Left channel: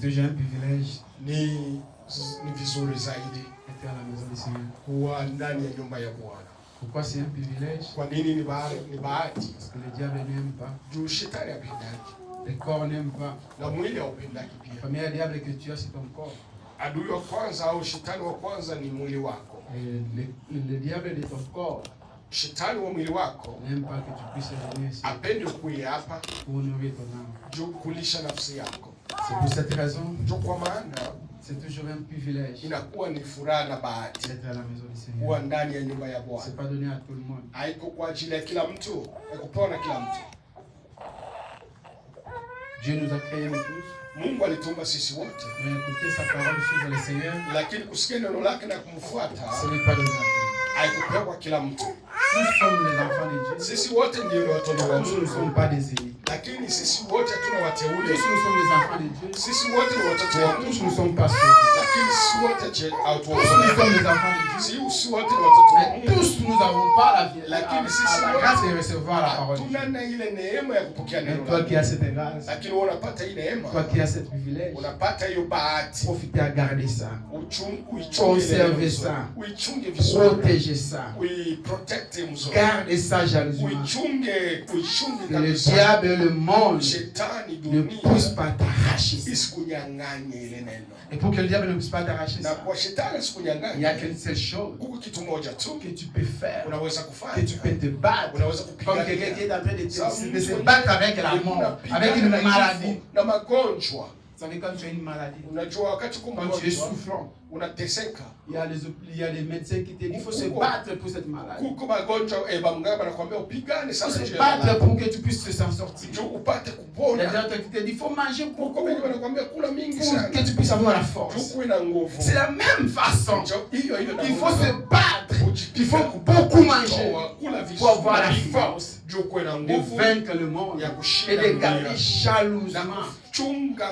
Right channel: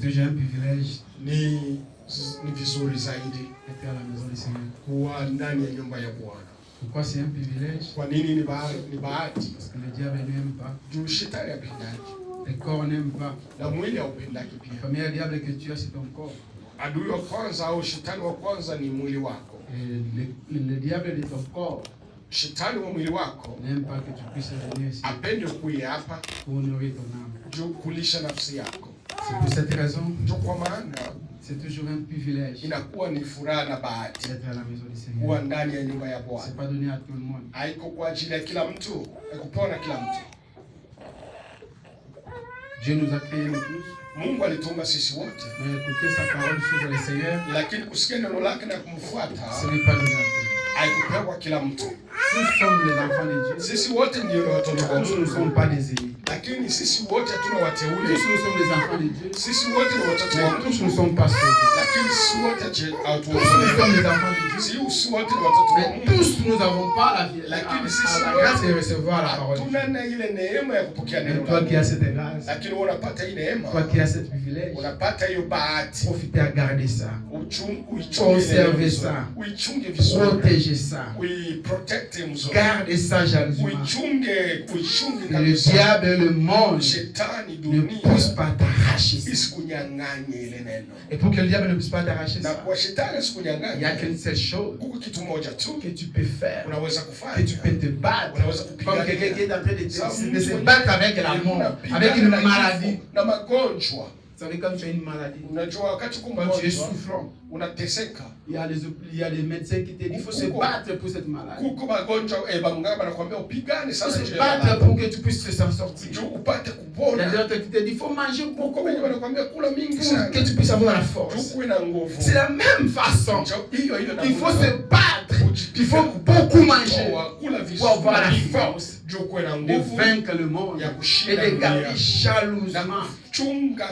C'est toujours un privilège Ni vizuri zaidi d'être à la maison du Seigneur. kuwa ndani ya nyumba ya Bwana. Pourquoi c'est un privilège? Kwa nini ni bahati? Parce que le diable n'aime pas. Juu shetani hapendaki Le corps n'aime pas. na mwili haupendaki Le pia. premier diable que tu as, c'est ton corps. Adui wa kwanza au shetani wa kwanza ni mwili wako. Et le diable de ton corps Shetani wa mwili wako n'aime pas que tu puisses venir ici apendi kuja hapa pour nourrir ton âme. juu kulisha nafsi yako. C'est pour cette raison, Juu kwa maana c'est toujours un privilège inakuwa ni furaha na bahati d'être à la maison du kuwa Seigneur. ndani ya nyumba ya Bwana. C'est pas donné à tout le monde. Haiko kwa ajili ya kila mtu, haikupewa na kila mtu. Dieu nous a créés nous tous, Mungu alitumba sisi wote, mais écouter sa parole, suivre le Seigneur, lakini kusikia neno lake na kumfuata ce n'est pas donné à tout. haikupewa kila mtu. Nous sommes les enfants de Dieu. Sisi wote ndio watoto wa Tous nous ne Mungu, sommes pas des élus. lakini sisi wote hatuna Tous wateule. nous sommes des enfants de Dieu. Sisi wote ni watoto wa Mais Mungu, tous nous ne sommes pas sauvés. lakini sisi wote Tous nous hatuokolewi. sommes des enfants de Dieu. Sisi wote ni watoto wa Mais Mungu, tous nous n'avons pas la grâce de recevoir la parole de Dieu. hatuna na ile neema ya kupokea Mais neno toi la qui as Mungu. cette grâce, Lakini wewe unapata hii neema, toi qui as ce privilège, unapata hiyo bahati, profitez à garder ça. uichunge Conservez vizuri, ça. uichunge vizuri, Protégez ça. uiprotect mzuri, Gardez ça jalousement. uichunge Que le kabisa. diable et le monde Shetani ne puissent dunia pas t'arracher ça. isikunyang'anye ile neno, Et pour que le diable ne puisse pas t'arracher na ça, kwa shetani il n'y a isikunyang'anye, qu'une seule chose huko kitu moja tu que tu peux faire, unaweza que kufanya, tu peux te battre. unaweza Comme quelqu'un qui kupigana est en train de se battre avec la mort, avec une maladie. na magonjwa. Vous savez, quand tu as une maladie, Unajua wakati uko quand tu es mgonjwa souffrant, unateseka, il y a les médecins qui te disent qu'il faut se battre pour cette maladie. kuko magonjwa bamganga anakuambia upigane Il faut sana se nje ya battre maradhi, pour que tu puisses s'en sortir. ndio upate Il y a kupona. d'autres qui te disent qu'il faut manger Kuko beaucoup wengi wanakuambia kula mingi pour sana que tu puisses avoir la ndio force. kuwe na nguvu. C'est la même façon. Ndio hiyo hiyo na Il faut nguvu. se battre. Il faut beaucoup manger Kula pour avoir la vizuri force ndio kuwe na de nguvu vaincre le monde ya et kushinda de dunia. garder Na jalousement kuchunga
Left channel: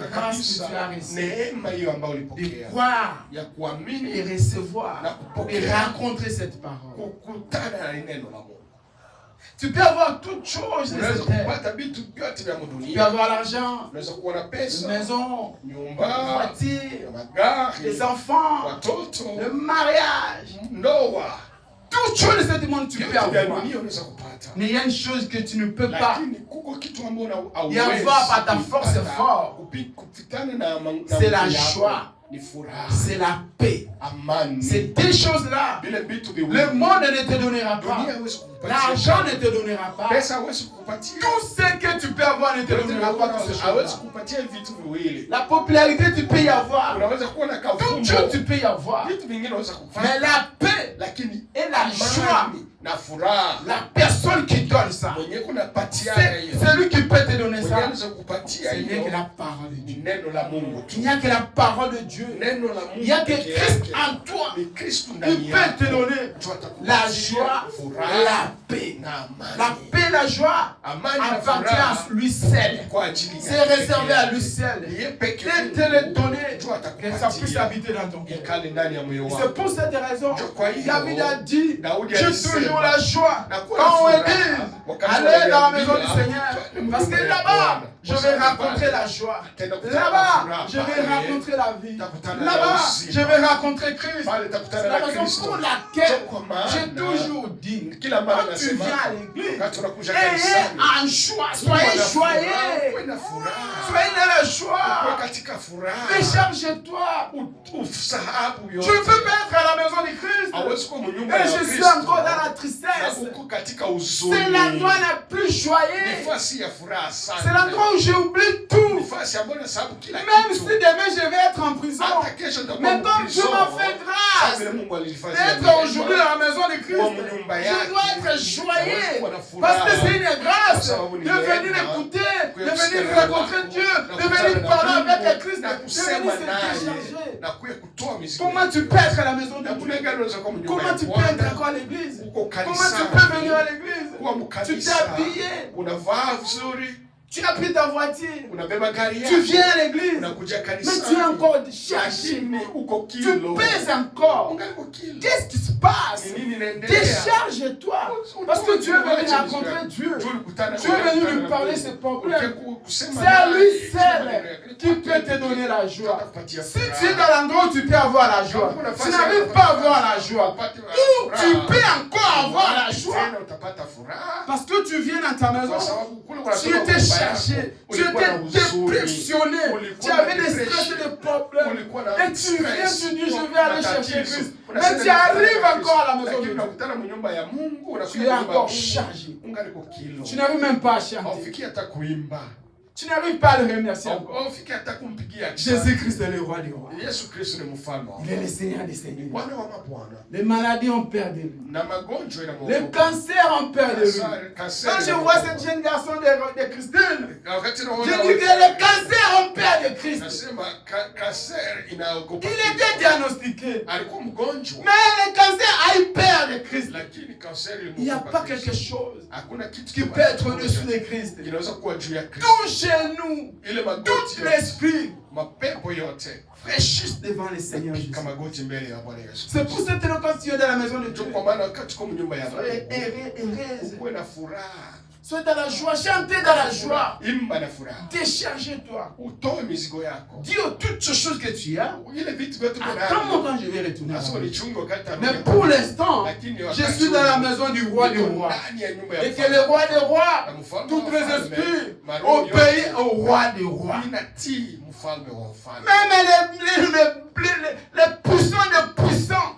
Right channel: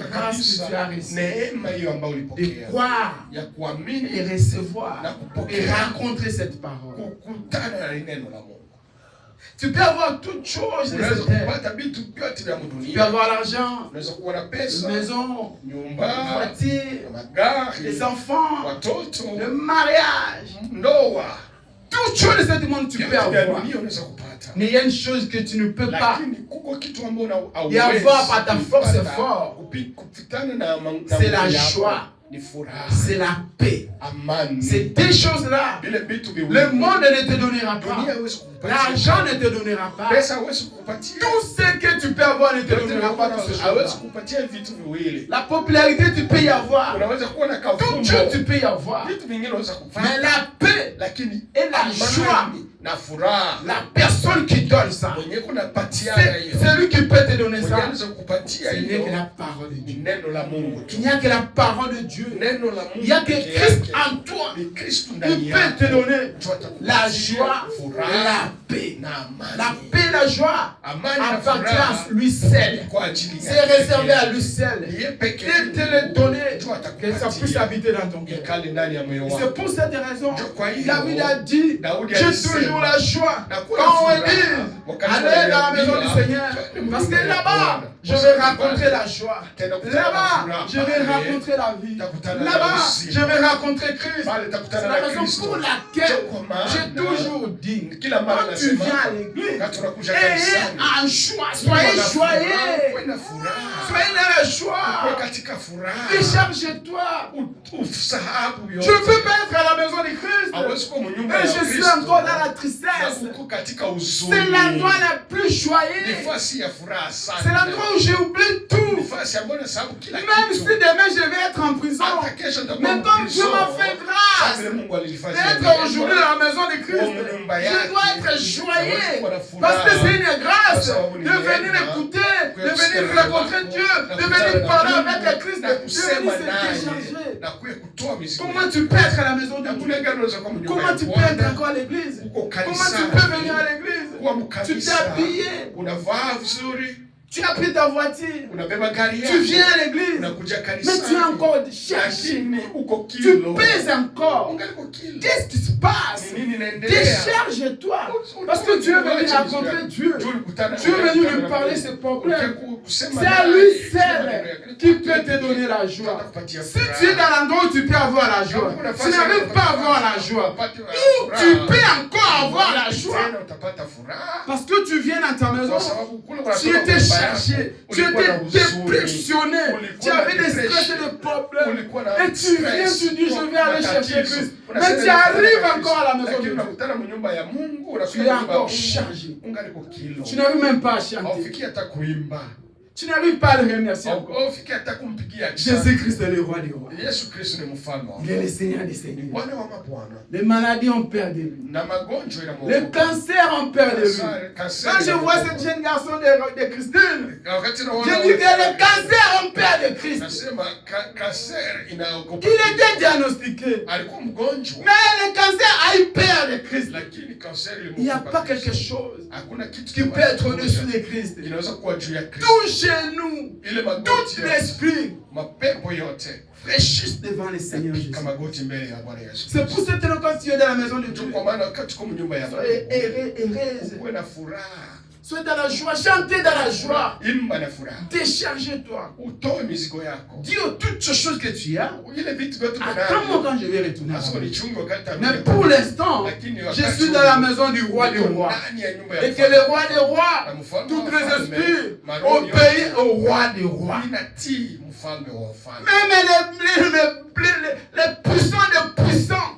La grâce que tu as kabisa reçue. neema hiyo ambayo de ulipokea croire ya et kuamini recevoir na et kupokea rencontrer cette parole. kukutana na neno la Mungu. Tu peux avoir toutes choses de Unaweza cette terre. kupata vitu vyote vya Tu peux dunia. avoir l'argent, Unaweza kuwa na une pesa, maison, une nyumba, voiture, magari, des enfants, watoto, le mariage. ndoa. Toutes choses de ce monde tu peux Vyote vya avoir. dunia unaweza kupata. Mais il y a une chose que tu ne peux pas. Lakini kuko kitu ambacho Et avoir par ta force fort, kupitana na c'est la nguvu yako. joie, Ni furaha, c'est la paix. amani. Ces deux choses-là, Vile vitu viwili. le monde ne te donnera Dunia pas. hawezi kukupatia. L'argent ne te donnera pas. Pesa hawezi kukupatia. Tout ce que tu peux avoir ne te donnera pas toutes ces Hawezi choses. kukupatia vitu viwili. La popularité, tu peux y avoir. Unaweza kuwa na Toutes kafumbo. choses, tu peux y avoir. Vitu vingine unaweza Mais kupata. la paix Lakini et la joie, amani na furaha. la personne qui donne ça, Mwenye kunapatia c'est hiyo. celui qui peut te donner Mwenye ça. anaweza kukupatia Il n'y a hiyo. que la parole de Ni Dieu. neno la Mungu tu. Il n'y a que la parole de Dieu. Neno la Il n'y a Mungu que peke Christ yake. en toi. Ni Kristo Il ndani peut yako. te donner Ndio atakupatia la joie et furaha la paix. na amani. La paix et la joie Amani na appartient furaha à lui seul. kwa ajili C'est yake. réservé à lui seul. Yeye peke Il te le donner, Ndio que ça puisse atakupatia. habiter dans ton cœur. Ikale ndani ya moyo C'est wako. pour cette raison, Ndio kwa hiyo David a dit, Daudi j'ai alisema, toujours la joie nakuwa quand on na est furaha dit, wakati allez dans la maison du wanaambia, Seigneur, twende parce que mbele ya là-bas, Bwana. je vais rencontrer la joie. Tena kutana na Là-bas, furaha. je vais Pale, rencontrer la vie. takutana na Là-bas, uzima. je vais rencontrer Christ. Pale C'est takutana la na raison Kristo. pour laquelle Ndio kwa maana j'ai toujours dit, kila mara quand tu nasema, viens à l'église, wakati unakuja ayez kanisani, en joie, soyez joyeux, Kuwe na furaha. soyez dans la Kuwe joie. katika furaha. Décharge-toi. Usahabu Tu yote. ne peux pas être à la maison de Christ. Hawezi kuwa mnyumba Et ya je suis Kristo. encore dans la Na tristesse. uko katika huzuni. C'est l'endroit la plus joyeux. Nafasi ya furaha sana. C'est l'endroit où j'oublie tout. Nafasi ambayo nasahabu kila Même si kitu. demain je vais être en prison. Hata kesho nitakuwa Mais comme Dieu mkristo. m'a fait grâce Vile Mungu alifanya d'être aujourd'hui à la maison de Christ, nyumba je yake. dois être joyeux. Kuwa na furaha. Parce que c'est une grâce Kwa sababu ni de venir neema. écouter, de Kusikia venir neno rencontrer lako, Dieu, na de kukutana venir na parler Mungu, avec le Christ, na de venir kusema se naye, décharger. na kutoa mizigo. Comment tu peux être à la maison de Namna Dieu? gani unaweza kuwa mnyumba Comment ya tu peux Bwana? être encore à l'église? Uko Comment kanisani. tu peux venir à l'église? Kuwa Tu mkanisa. t'es habillé, Unavaa vizuri. tu as pris ta voiture, Unabeba gari yako. tu viens à l'église, Unakuja mais kanisani. tu es encore cherché, Lakini uko tu kilo. pèses encore. Ungali uko kilo. Qu'est-ce qui se passe? Ni nini inaendelea? Décharge-toi, parce que tu es venu rencontrer Dieu. Tu es venu lui parler ses problèmes. C'est à lui seul qui peut te donner la joie. Si tu es dans l'endroit où tu peux avoir la joie, tu n'arrives pas à avoir la joie. Où tu peux encore avoir la joie. Parce que tu viens dans ta maison, tu étais chargé, tu étais dépressionné, tu avais des stress et des problèmes. Et tu viens, tu dis, je vais aller chercher Christ. Mais tu arrives encore à la maison de Dieu. Tu es encore chargé. Tu n'arrives même pas à chanter. Tu n'arrives pas à le remercier encore. Jésus-Christ est le roi des rois. Il est le Seigneur des seigneurs. Les maladies ont peur de lui. Les cancers ont peur de lui. Quand je vois ce jeune garçon de Christine, je dis que les cancers ont peur de Christ. Il était diagnostiqué. Mais le cancer a eu peur de Christ. Il n'y a pas quelque chose qui peut être au-dessus de Christ. Tout genou, tout l'esprit fléchissent devant le Seigneur Jésus. C'est pour cette raison quand tu es dans la maison de Dieu, soyez heureuse. Sois dans la joie, chantez dans la joie. Déchargez-toi. Dis toutes ces choses que tu as. Attends-moi quand je vais retourner. Mais pour l'instant, je suis dans la maison du roi des rois. Et que le roi des rois, tous les esprits, obéissent au roi des rois. Même les puissants des puissants.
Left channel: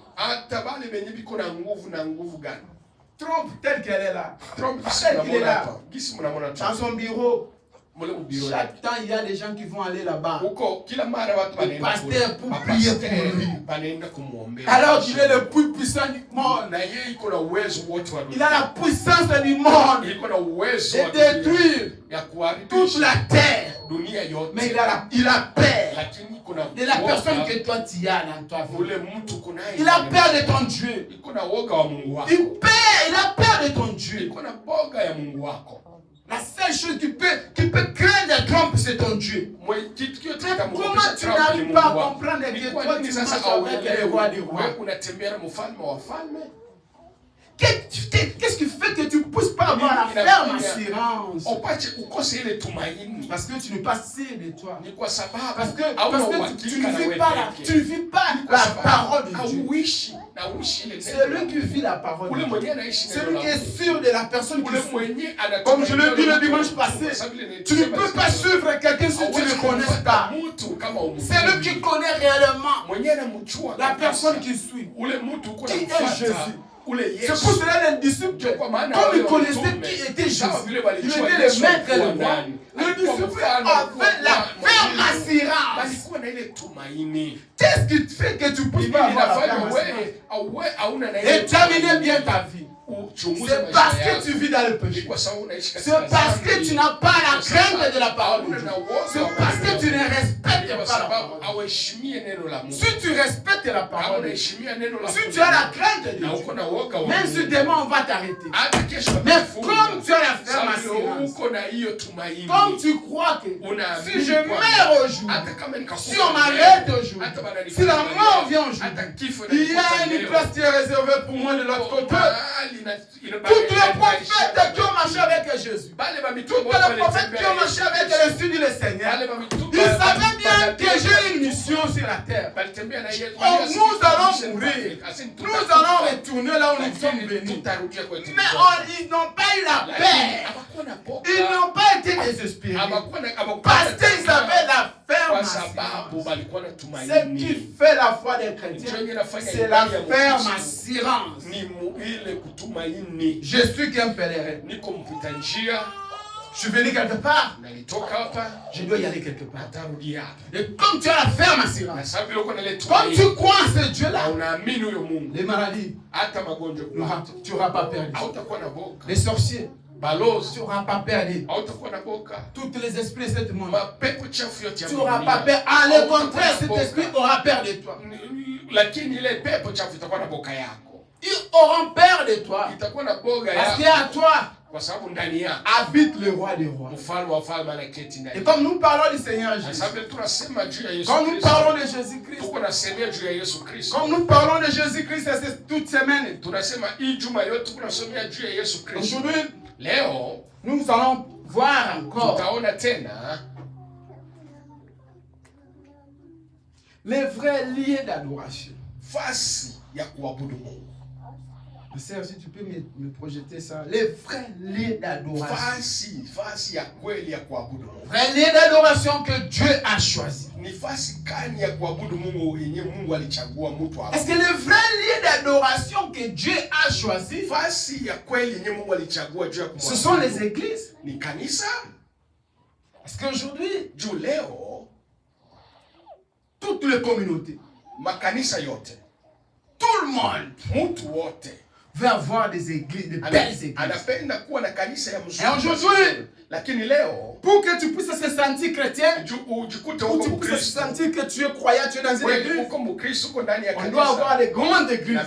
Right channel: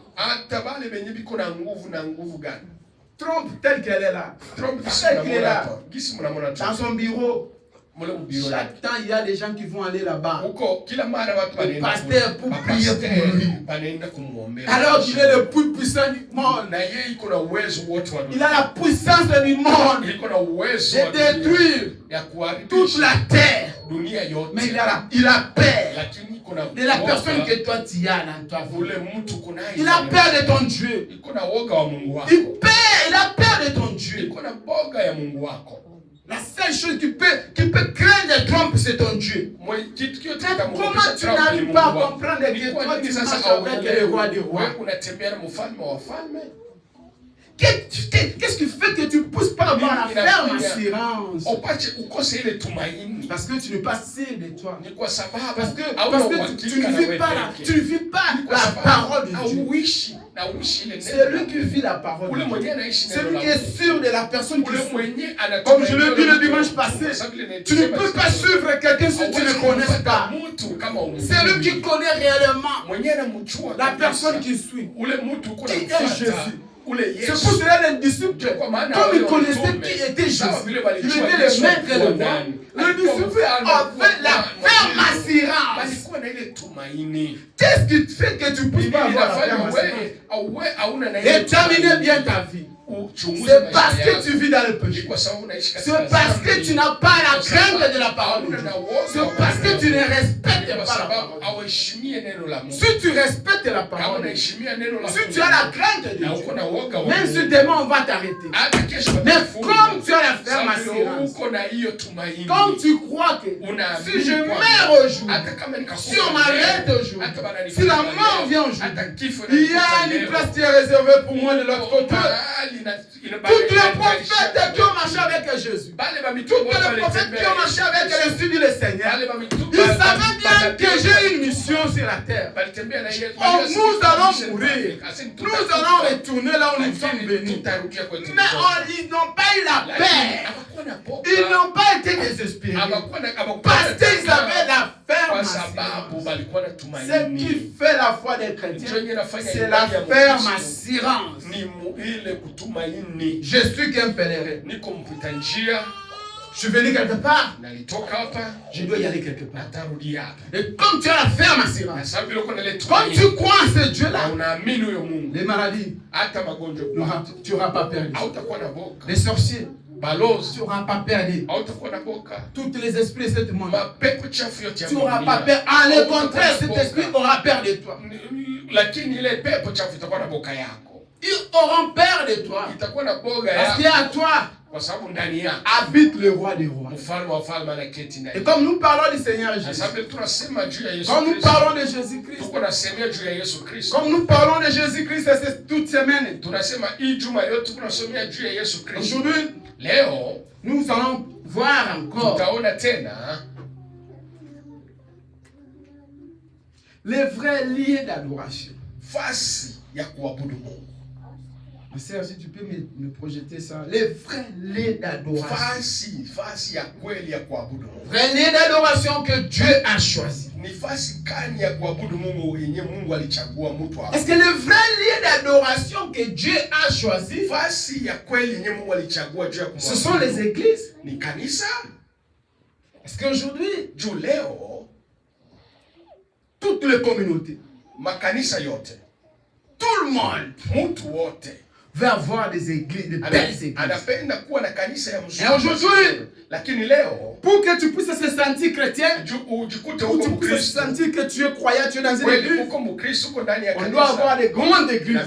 Trump tel qu'elle est là. Trump tel qu'elle est là. Dans son bureau. Chaque temps, il y a des gens qui vont aller là-bas. Le pasteur pour prier pour lui. Alors qu'il est le plus puissant du monde. Il a la puissance du monde de détruire toute la terre. Mais il a peur de la personne que toi tu as dans ta vie. Il a peur de ton Dieu. Il a peur de ton Dieu. La seule chose qui peut craindre Trump, c'est ton Dieu. Comment tu n'arrives pas à comprendre que toi tu marches avec le roi des rois? Qu'est-ce qui fait que tu ne pousses pas avoir la ferme assurance? Parce que tu n'es pas sûr de toi. Parce que tu ne vis pas la parole de Dieu. C'est lui qui vit la parole de Dieu. C'est lui qui est sûr de la personne qui suit. Comme je l'ai dit le dimanche passé, tu ne peux pas suivre quelqu'un si tu ne le connais pas. C'est lui qui connaît réellement la personne qui suit. Qui est Jésus. C'est pour cela les disciples, comme ils connaissaient qui était Jésus, il était le maître et le roi. Le disciple avait la ferme assurance. Qu'est-ce qui fait que tu ne peux pas avoir la ferme assurance et terminer bien ta vie? C'est parce que tu vis dans le péché. C'est parce que tu n'as pas la crainte de la parole de Dieu. C'est parce que tu ne respectes pas la parole. Si tu respectes la parole, si tu as la crainte de Dieu, même si demain on va t'arrêter. Mais comme tu as la ferme assurance, comme tu crois que si je meurs aujourd'hui, si on m'arrête aujourd'hui, si la mort vient aujourd'hui, il y a une place qui est réservée pour moi de l'autre côté. Tous les prophètes qui ont marché avec Jésus, tous les prophètes qui ont marché avec le Seigneur du Seigneur, ils savaient bien que j'ai une mission sur la terre. Nous allons mourir. Nous allons retourner là où nous sommes venus. Mais ils n'ont pas eu la paix. Ils n'ont pas été désespérés. Parce qu'ils avaient la ferme assurance. Ce qui fait la foi des chrétiens, c'est la ferme assurance. Je suis qu'un pèlerin. Je suis venu quelque part. Je dois y aller quelque part. Et comme tu as la ferme assurance, comme tu crois en ce Dieu-là, les maladies, tu n'auras pas perdu. Les sorciers, tu n'auras pas perdu. Tous les esprits de ce monde, tu n'auras pas perdu. En le contraire, cet esprit aura peur de toi. Ils auront peur de toi. Parce qu'à toi habite le roi des rois. Et comme nous parlons du Seigneur Jésus, comme nous parlons de Jésus-Christ, comme nous parlons de Jésus-Christ toute semaine, aujourd'hui, nous allons voir encore Les vrais lieux d'adoration. Fasi ya kuabudu Mungu. Seigneur, si tu peux me projeter ça. Les vrais lieux d'adoration. Fasi ya kweli ya kuabudu Mungu. Vrais lieux d'adoration que Dieu a choisi. Ni fasi gani ya kuabudu Mungu yenye Mungu alichagua mtu hapo? Est-ce que le vrai lieu d'adoration que Dieu a choisi? Fasi ya kweli yenye Mungu alichagua juu ya kumwabudu. Ce sont les églises. Ni kanisa. Parce qu'aujourd'hui, juu leo toutes les communautés, makanisa yote, tout le monde, mtu wote veut avoir des églises, de belles églises. Anapenda kuwa na kanisa ya mzuri. Et aujourd'hui, lakini leo, pour que tu puisses se sentir chrétien, ujikute pour que tu puisses se sentir que tu es croyant, tu es dans une église, on doit avoir des grandes églises.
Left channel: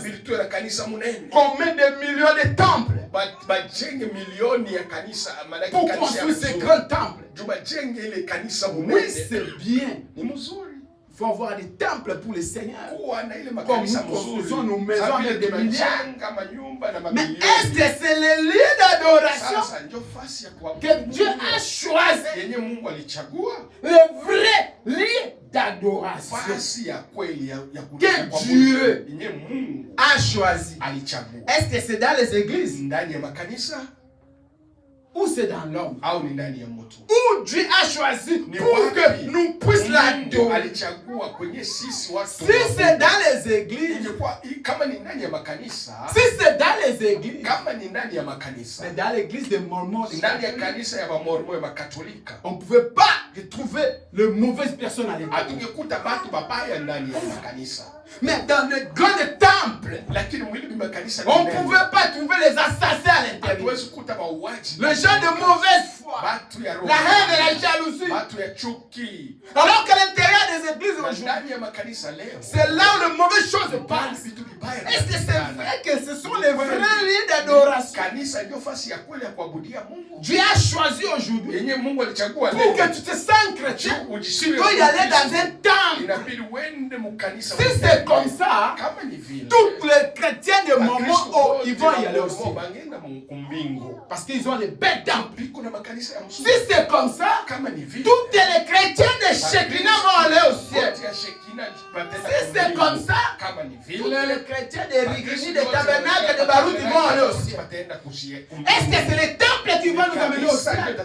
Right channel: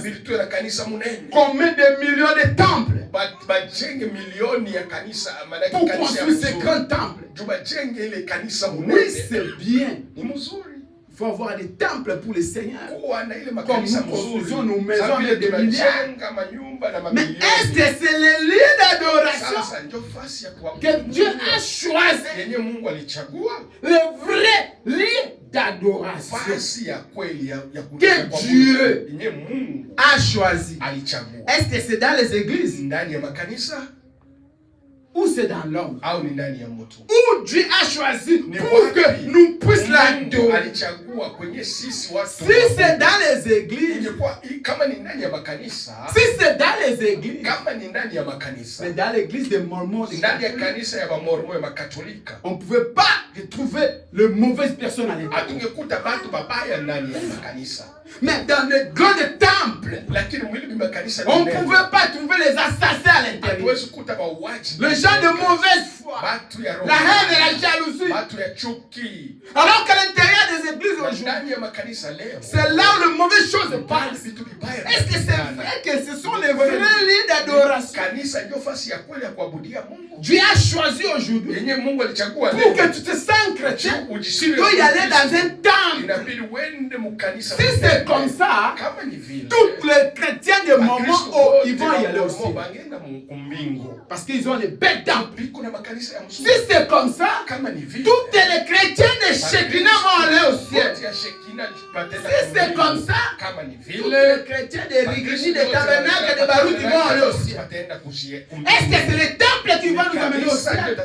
Combien de millions de temples pour construire ces grands temples. Oui, c'est bien. Il faut avoir des temples pour les seigneurs. Comme nous construisons nos maisons avec des milliards. Mais est-ce que c'est le lieu d'adoration que Dieu a choisi? Le vrai lieu d'adoration que Dieu a choisi. Est-ce que c'est dans les églises? Ou c'est dans l'homme? Où Dieu a choisi pour que nous puissions l'adorer. Si c'est dans les églises, si c'est dans les églises, mais dans l'église des Mormons, on ne pouvait pas retrouver les mauvaises personnes à l'église. Mais dans les grands temples, on ne pouvait pas trouver les assassins à l'intérieur. Les gens de mauvaise foi, la haine et la jalousie. Alors qu'à l'intérieur des églises aujourd'hui, c'est là où les mauvaises choses passent. Est-ce que c'est vrai que ce sont les vrais lieux d'adoration? Dieu a choisi aujourd'hui pour que tu te sens chrétien. Tu dois y aller dans un temple. Si c'est comme ça, tous les chrétiens de moment ils vont y aller aussi. Parce qu'ils ont les belles temples. Si c'est comme ça, tous les chrétiens de Shekinah vont aller au ciel. Si c'est comme ça, tous les chrétiens de Rigiji, de Tabernacle, de Baruch vont aller au ciel. Est-ce que c'est le temple qui va nous amener au ciel?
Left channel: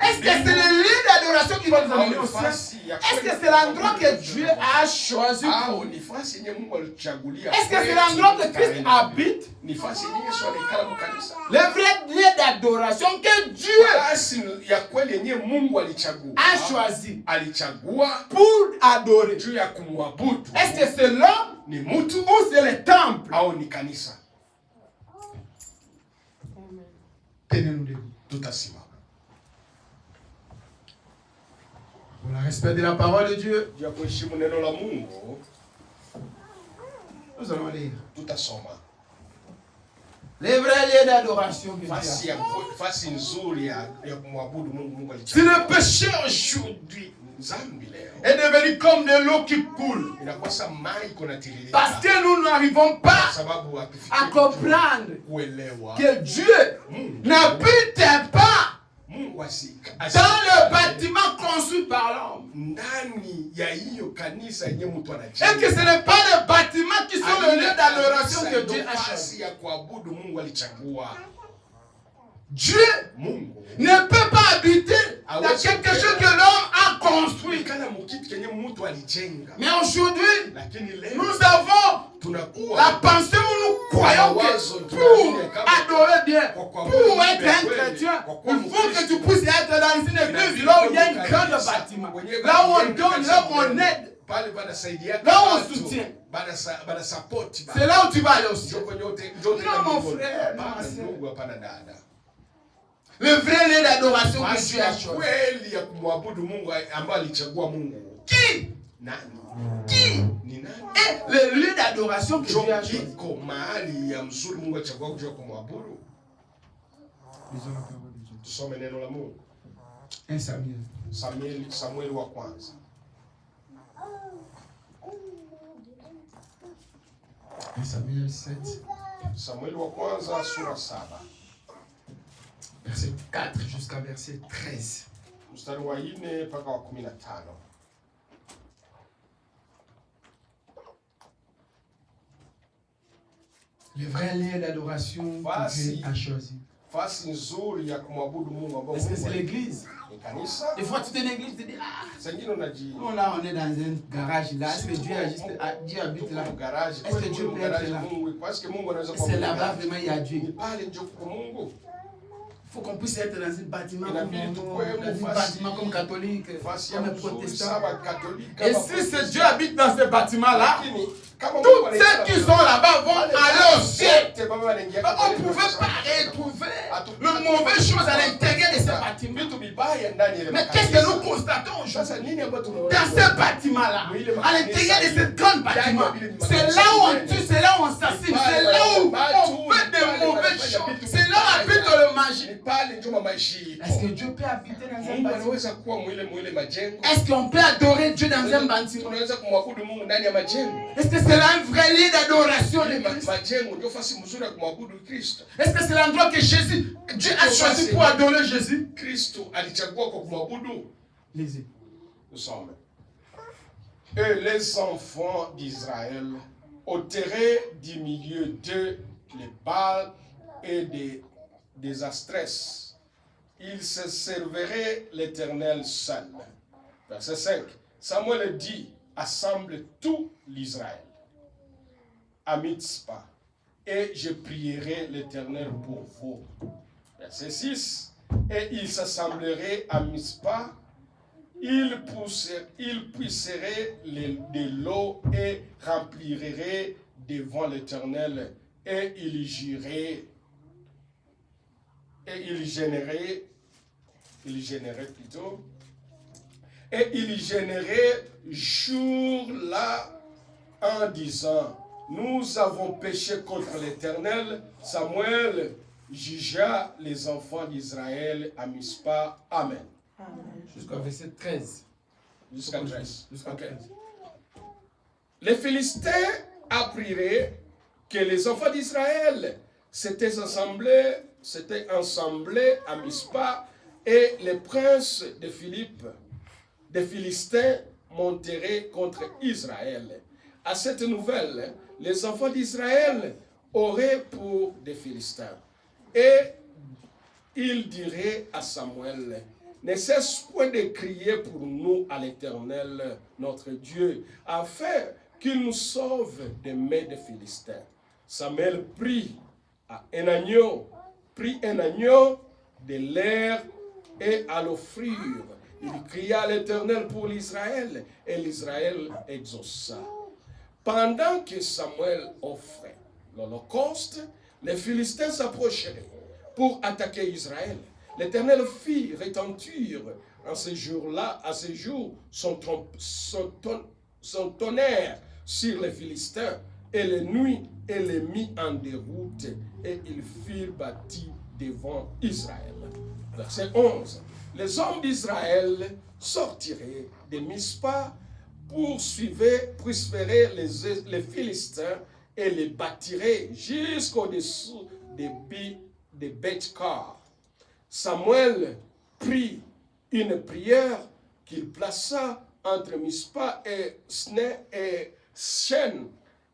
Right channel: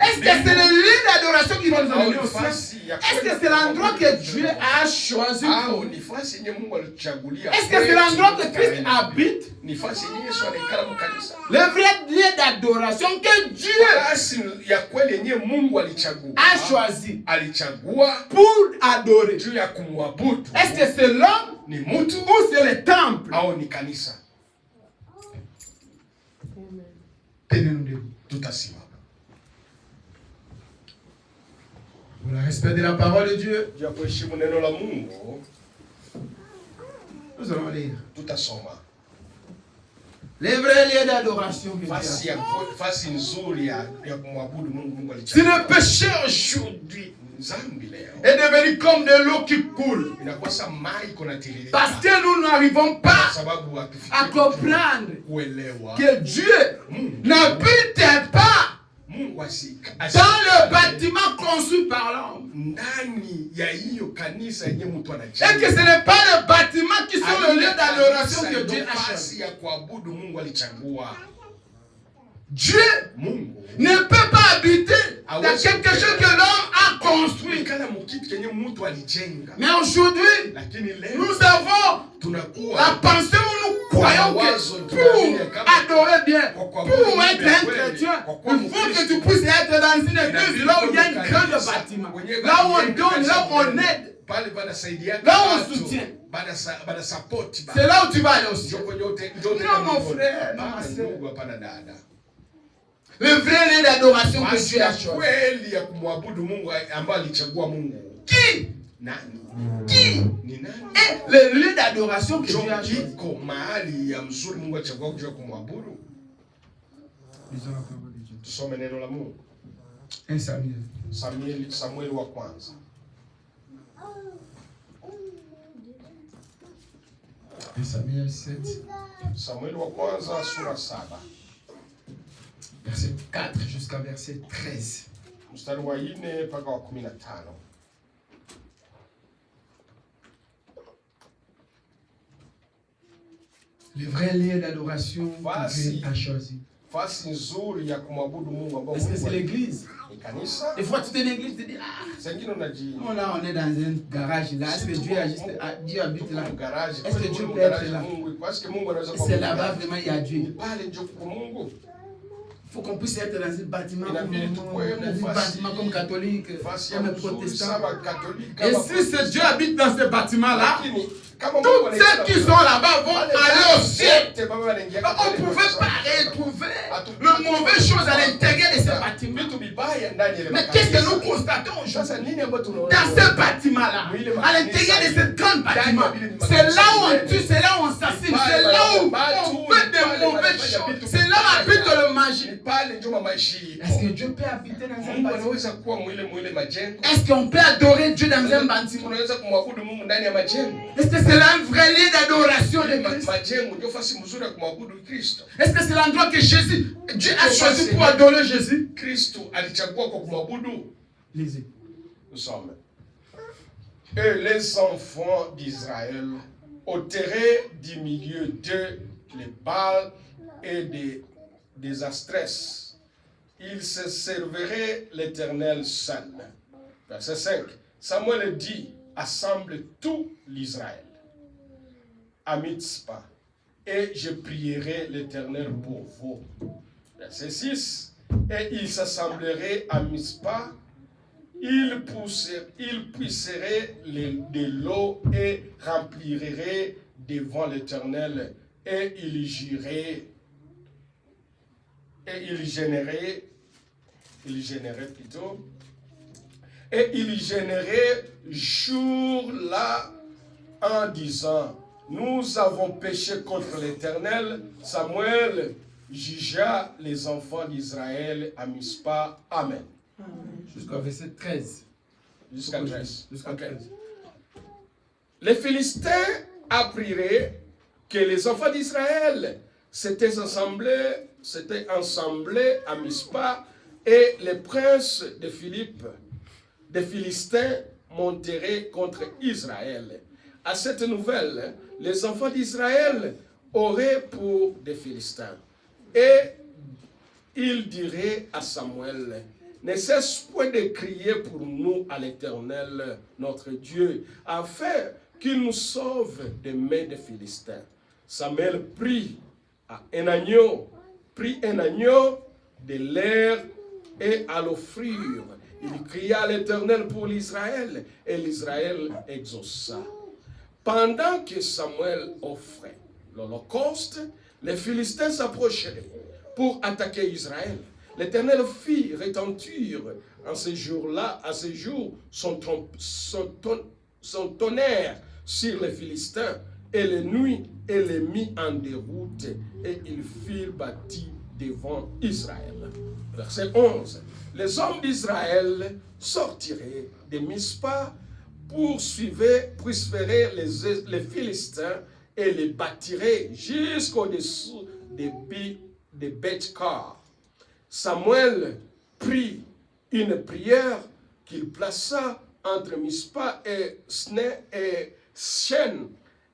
Est-ce que c'est le lieu d'adoration qui va nous amener au ciel? Est-ce que c'est l'endroit que Dieu a choisi pour nous? Est-ce que c'est l'endroit que Christ habite? Le vrai lieu d'adoration que Dieu a choisi pour adorer. Est-ce que c'est l'homme ou c'est le temple? Tenez-nous debout. Pour le respect de la parole de Dieu, nous allons lire. Les vrais lieux d'adoration. Si le péché aujourd'hui est devenu comme de l'eau qui coule, parce que nous n'arrivons pas à comprendre que Dieu n'habite pas dans le bâtiment construit par l'homme. Et que ce n'est pas le bâtiment qui sont le lieu d'adoration que Dieu a choisi. Dieu ne peut pas habiter dans quelque chose que l'homme a construit. Mais aujourd'hui, nous avons la pensée où nous croyons que pour adorer bien, pour être un chrétien, il faut que tu puisses être dans une église là où il y a un grand bâtiment, là où on donne, là où on aide, là où on soutient. C'est là où tu vas aller aussi. Non, mon frère, non, ma soeur. Le vrai lieu d'adoration que Dieu a choisi. Qui? Qui est le lieu d'adoration que Dieu a choisi? Lisons la parole de Dieu. 1 Samuel wa kwanza. 1 Samuel 7. Samuel wa kwanza sura 7. Verset 4 jusqu'à verset 13. Mstari wa 4 mpaka wa 15. Le vrai lieu d'adoration que Dieu a choisi. Est-ce que c'est l'église? Des fois, tu es dans l'église, tu te dis, oh là, on est dans un garage là. Est-ce que Dieu habite là? Est-ce que Dieu peut être là? C'est là-bas vraiment, il y a Dieu. Il faut qu'on puisse être dans un bâtiment comme catholique, comme protestant. Et si ce Dieu habite dans ce bâtiment-là, tous ceux qui sont là-bas vont aller au ciel. On ne pouvait pas retrouver les mauvaises choses à l'intérieur de ce bâtiment. Mais qu'est-ce que nous constatons aujourd'hui? Dans ce bâtiment-là, à l'intérieur de ce grand bâtiment, c'est là où on tue, c'est là où on assassine, c'est là où on fait des mauvaises choses, c'est là où habite le magie. Est-ce que Dieu peut habiter dans un bâtiment? Est-ce qu'on peut adorer Dieu dans un bâtiment? Est-ce que c'est là un vrai lieu d'adoration de Christ? Est-ce que c'est l'endroit que Dieu a choisi pour adorer Jésus? Lisez. Nous sommes. Et les enfants d'Israël ôteraient du milieu d'eux les Baals et des Astrès. Ils se serviraient l'Éternel seul. Verset 5. Samuel dit, assemble tout l'Israël à Mitzpah, et je prierai l'Éternel pour vous. Verset 6. Et ils s'assembleraient à Mitzpah, ils puisseraient de l'eau et rempliraient devant l'Éternel, et ils gêneraient jour-là en disant, nous avons péché contre l'Éternel. Samuel jugea les enfants d'Israël à Mitzpah. Amen. Jusqu'au verset 13. Jusqu'à 13. Okay. Les Philistins apprirent que les enfants d'Israël s'étaient ensemblés à Mitzpah, et les princes des Philistins monteraient contre Israël. À cette nouvelle, les enfants d'Israël auraient pour des Philistins. Et ils diraient à Samuel, ne cesse point de crier pour nous à l'Éternel, notre Dieu, afin qu'il nous sauve des mains des Philistins. Samuel prit un agneau de l'air, et à l'offrir, il cria à l'Éternel pour l'Israël, et l'Israël exauça. Pendant que Samuel offrait l'holocauste, les Philistins s'approcheraient pour attaquer Israël. L'Éternel fit retentir à ce jour-là, son tonnerre sur les Philistins, et les nuits, et les mit en déroute, et ils furent bâtis devant Israël. Verset 11. Les hommes d'Israël sortiraient de Mitzpah, poursuivaient les Philistins, et les bâtiraient jusqu'au-dessous de Beth-Kar. Samuel prit une prière qu'il plaça entre Mitzpah et Shen,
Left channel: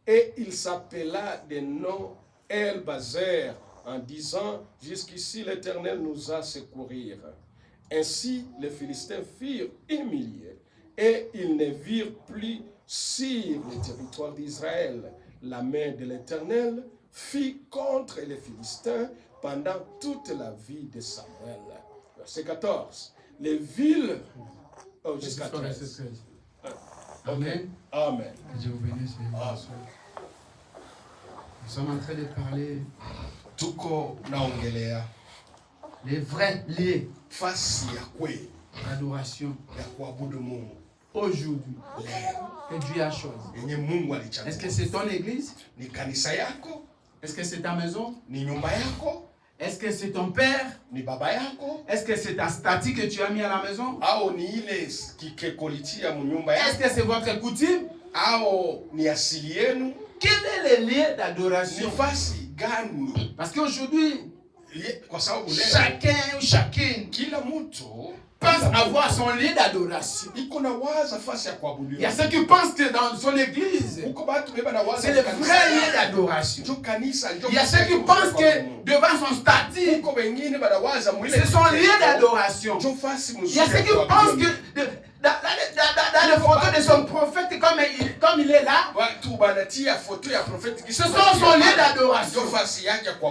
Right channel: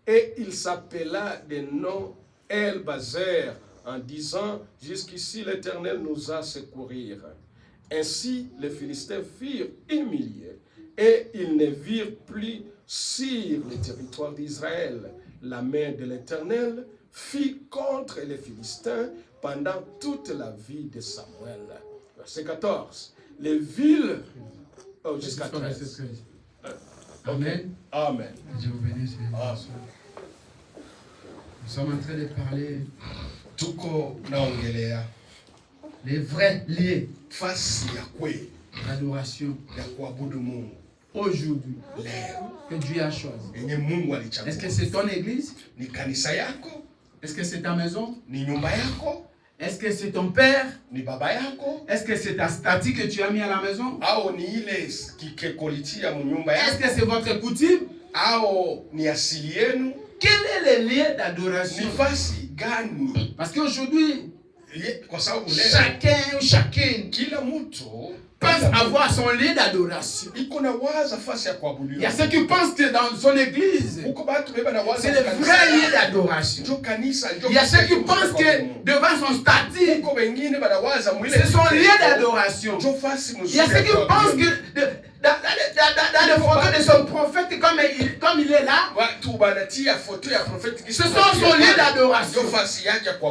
et il s'appela de nom El-Bazer, en disant, jusqu'ici l'Éternel nous a secourus. Ainsi les Philistins furent humiliés, et ils ne virent plus sur le territoire d'Israël. La main de l'Éternel fit contre les Philistins pendant toute la vie de Samuel. Verset 14. Les villes... jusqu'à 13. Amen. Amen. Je vous bénisse. Nous sommes en train de parler les vrais lieux d'adoration aujourd'hui que Dieu a choisi. Est-ce que c'est ton église? Est-ce que c'est ta maison? Est-ce que c'est ton père? Est-ce que c'est ta statue que tu as mis à la maison? Est-ce que c'est votre coutume? Quel est le lieu d'adoration? Parce qu'aujourd'hui, chacun ou chacune pense avoir son lieu d'adoration. Il y a ceux qui pensent que dans son église, c'est le vrai lieu d'adoration. Il y a ceux qui pensent que devant son statut, c'est son lieu d'adoration. Il y a ceux qui pensent que dans les photos de son prophète, comme il est là, ce sont son lieu d'adoration.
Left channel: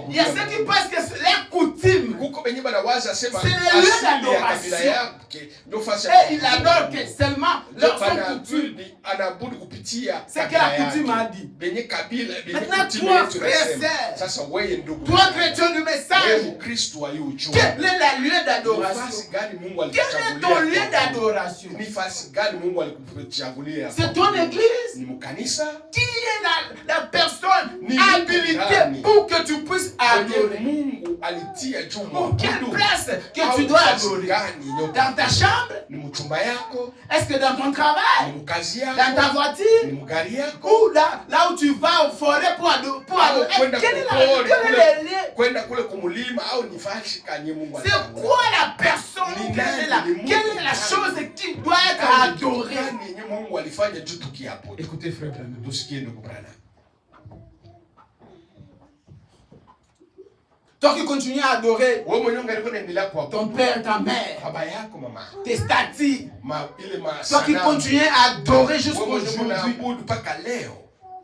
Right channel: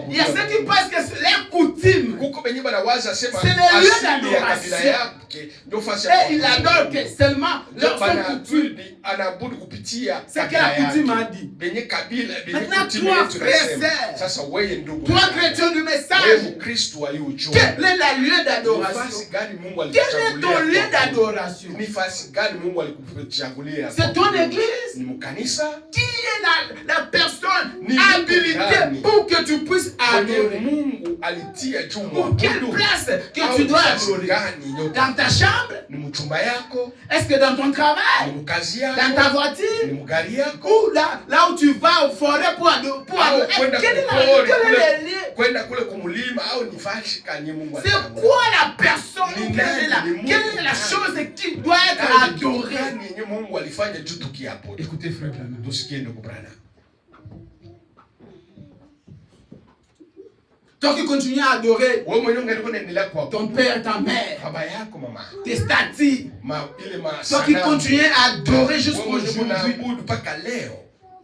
Il y a ceux qui pensent que c'est leur coutume, c'est le lieu d'adoration. Et il adore que seulement leur coutume. C'est que la coutume a dit. Maintenant, toi, frère et sœur, toi, chrétien du message, quel est le lieu d'adoration? Quel est ton lieu d'adoration? C'est ton église qui est la personne habilitée pour que tu puisses adorer. Pour quelle place que tu dois adorer? Dans ta chambre? Est-ce que dans ton travail? Dans ta voiture? Ou là où tu vas au forêt pour adorer? Quel est le lieu? C'est quoi la personne? Quelle est la chose qui doit être adorée? Écoutez, frère Branham. Toi qui continues à adorer ton père, ta mère, tes statues, toi qui continues à adorer jusqu'aujourd'hui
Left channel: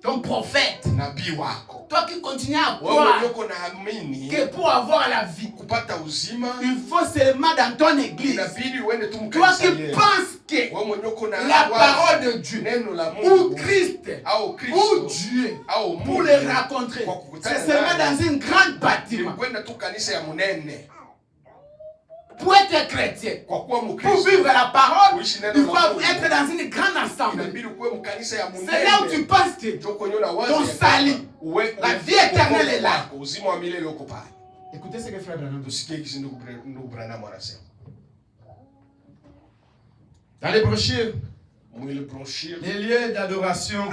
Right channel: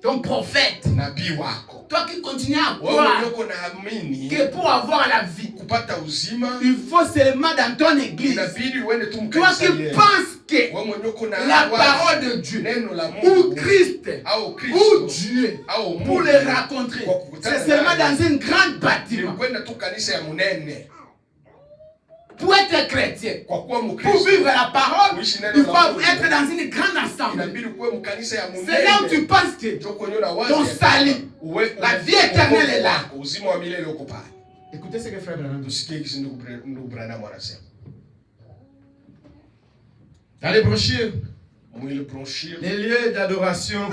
ton prophète, toi qui continues à croire que pour avoir la vie, il faut seulement dans ton église. Toi qui penses que la parole de Dieu, ou Christ, ou Dieu, pour les rencontrer, c'est seulement dans une grande bâtiment. Pour être chrétien, pour vivre la parole, il faut être dans une grande assemblée. C'est là où tu penses que ton salut, la vie éternelle est là. Écoutez ce que frère Branham dit. Dans les brochures, les lieux d'adoration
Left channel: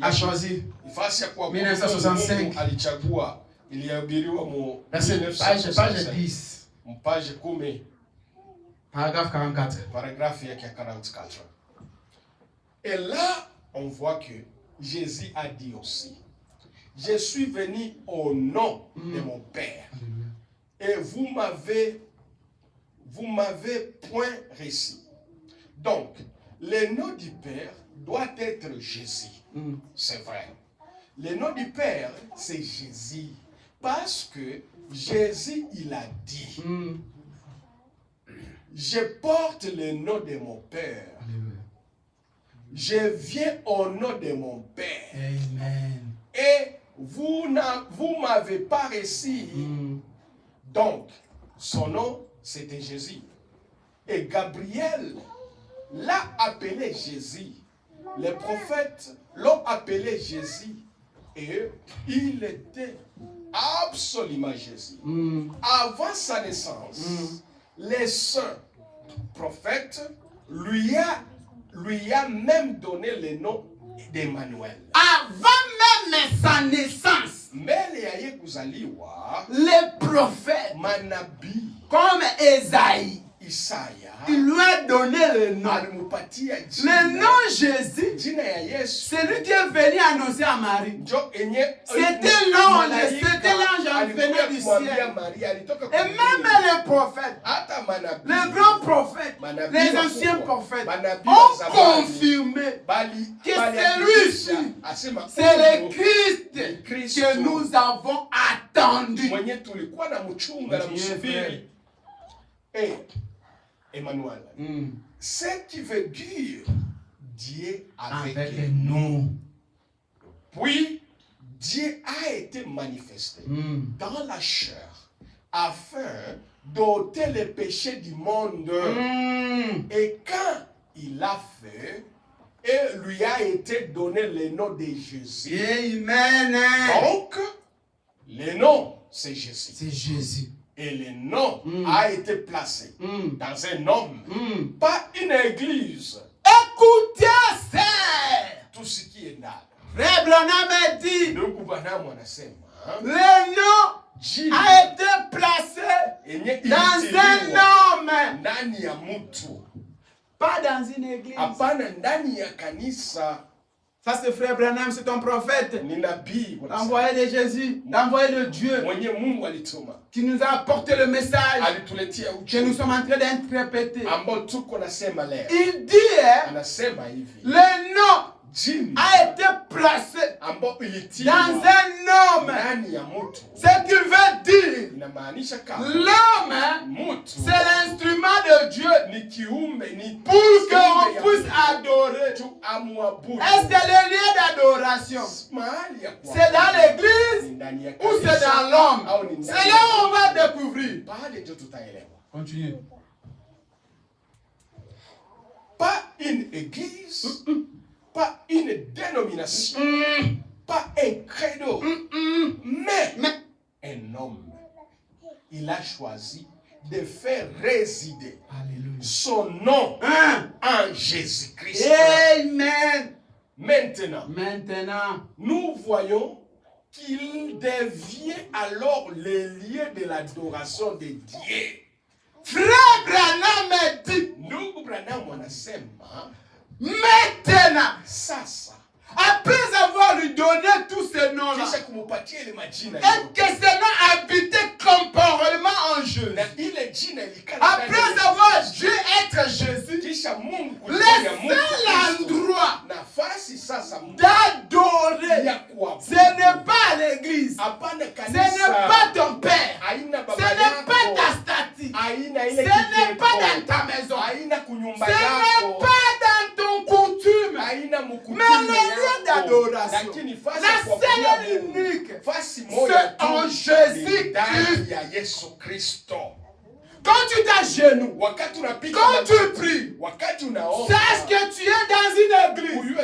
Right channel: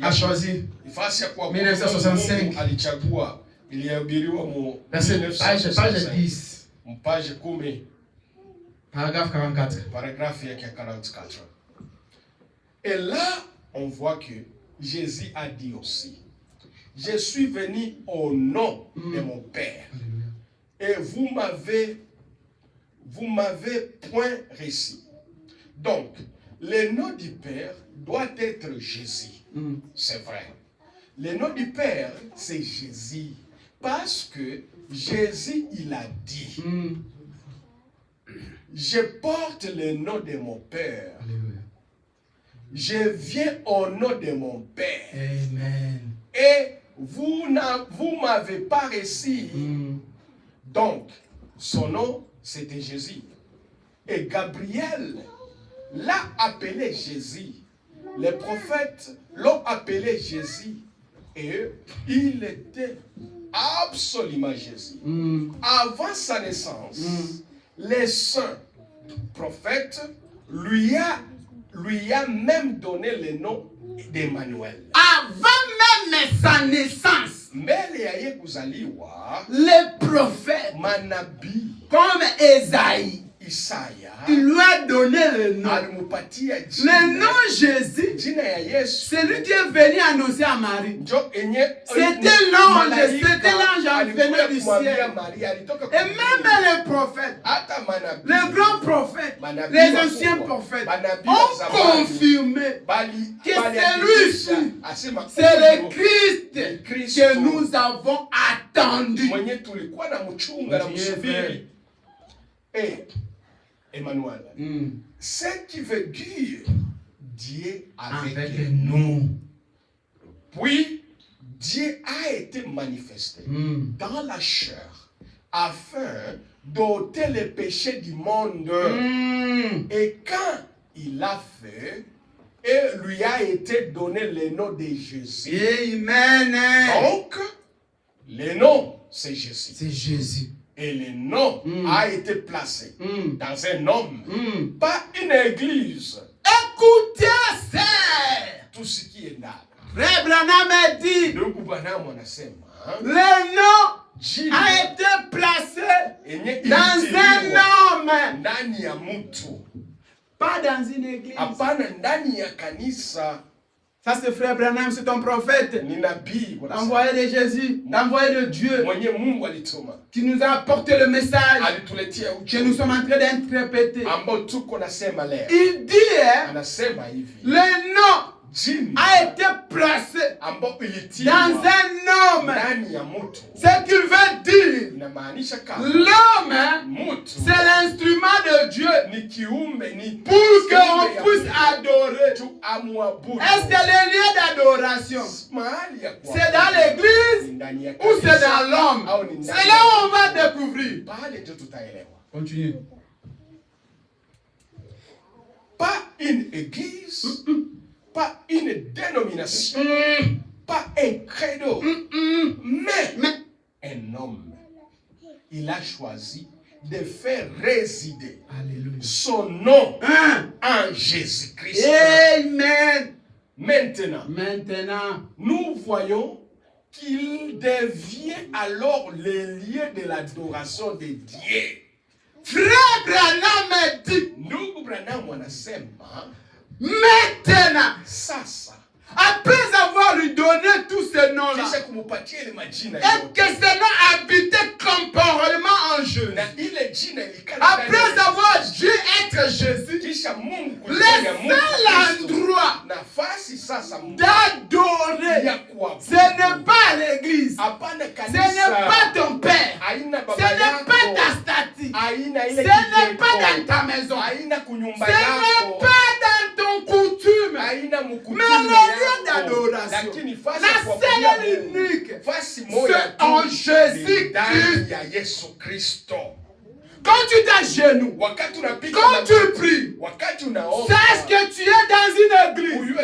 a choisi 1965. Page 10. Paragraphe 44. Et là, on voit que Jésus a dit aussi, je suis venu au nom de mon Père. Et vous m'avez point reçu. Donc, le nom du Père doit être Jésus. C'est vrai. Le nom du Père, c'est Jésus. Parce que Jésus, il a dit, je porte le nom de mon Père. Je viens au nom de mon Père. Amen. Et vous m'avez pas reçu. Donc, son nom, c'était Jésus. Et Gabriel l'a appelé Jésus. Les prophètes l'ont appelé Jésus. Et il était absolument Jésus. Avant sa naissance, les saints prophètes lui a même donné le nom d'Emmanuel. Avant même sa naissance, les prophètes, comme Esaïe, il lui a donné le nom. Le nom Jésus, c'est lui qui est venu annoncer à Marie. C'était l'ange venu du ciel. Et même les prophètes, les grands prophètes, les anciens prophètes ont confirmé que celui-ci, c'est le Christ que nous avons attendu. Et Emmanuel, ce qui veut dire Dieu avec nous. Puis Dieu a été manifesté dans la chair afin d'ôter les péchés du monde. Et quand il a fait, et lui a été donné le nom de Jésus. Amen. Donc, le nom, c'est Jésus. C'est Jésus. Et le nom a été placé dans un homme, pas une église. Écoutez, c'est tout ce qui est là. Frère Branham a dit, le nom a été placé dans un homme. Ndani ya mtu. Pas dans une église. Hapana ndani ya kanisa. Ça c'est frère Branham, c'est ton prophète. Ni nabii. L'envoyé de Jésus, l'envoyé de Dieu. Mwenye Mungu alituma. Qui nous a apporté le message. Alituletea ujumbe. Que nous sommes en train d'interpréter. Ambao tuko nasema leo. Il dit, anasema hivi. Le nom a été placé ambao dans un homme. Ndani ya mtu. Ce qu'il veut dire. Inamaanisha kama l'homme, c'est l'instrument de Dieu. Ni kiumbe, ni pour qu'on puisse adorer. Est-ce que le lieu d'adoration, c'est dans l'église ou c'est dans l'homme? C'est là où on va découvrir. Continue. Pas une église, pas une dénomination, pas un credo, mais un homme. Il a choisi de faire résider son nom en Jésus-Christ. Amen. Maintenant, nous voyons qu'il devient alors le lieu de l'adoration de Dieu. Frère Branham dit, Ndugu Branham anasema, maintenant, sasa, après avoir lui donné tous ces noms-là, et que ces noms habitaient corporellement en Jésus, après avoir dû être Jésus, le seul endroit d'adorer, ce n'est pas l'église, ce n'est pas ton père, ce n'est pas ta statue, ce n'est pas dans ta maison, ce n'est pas dans ton coutume, mais le lieu d'adoration, la seule et unique, c'est en Jésus-Christ. Quand tu t'agenouilles, quand tu pries, sache que tu es dans une église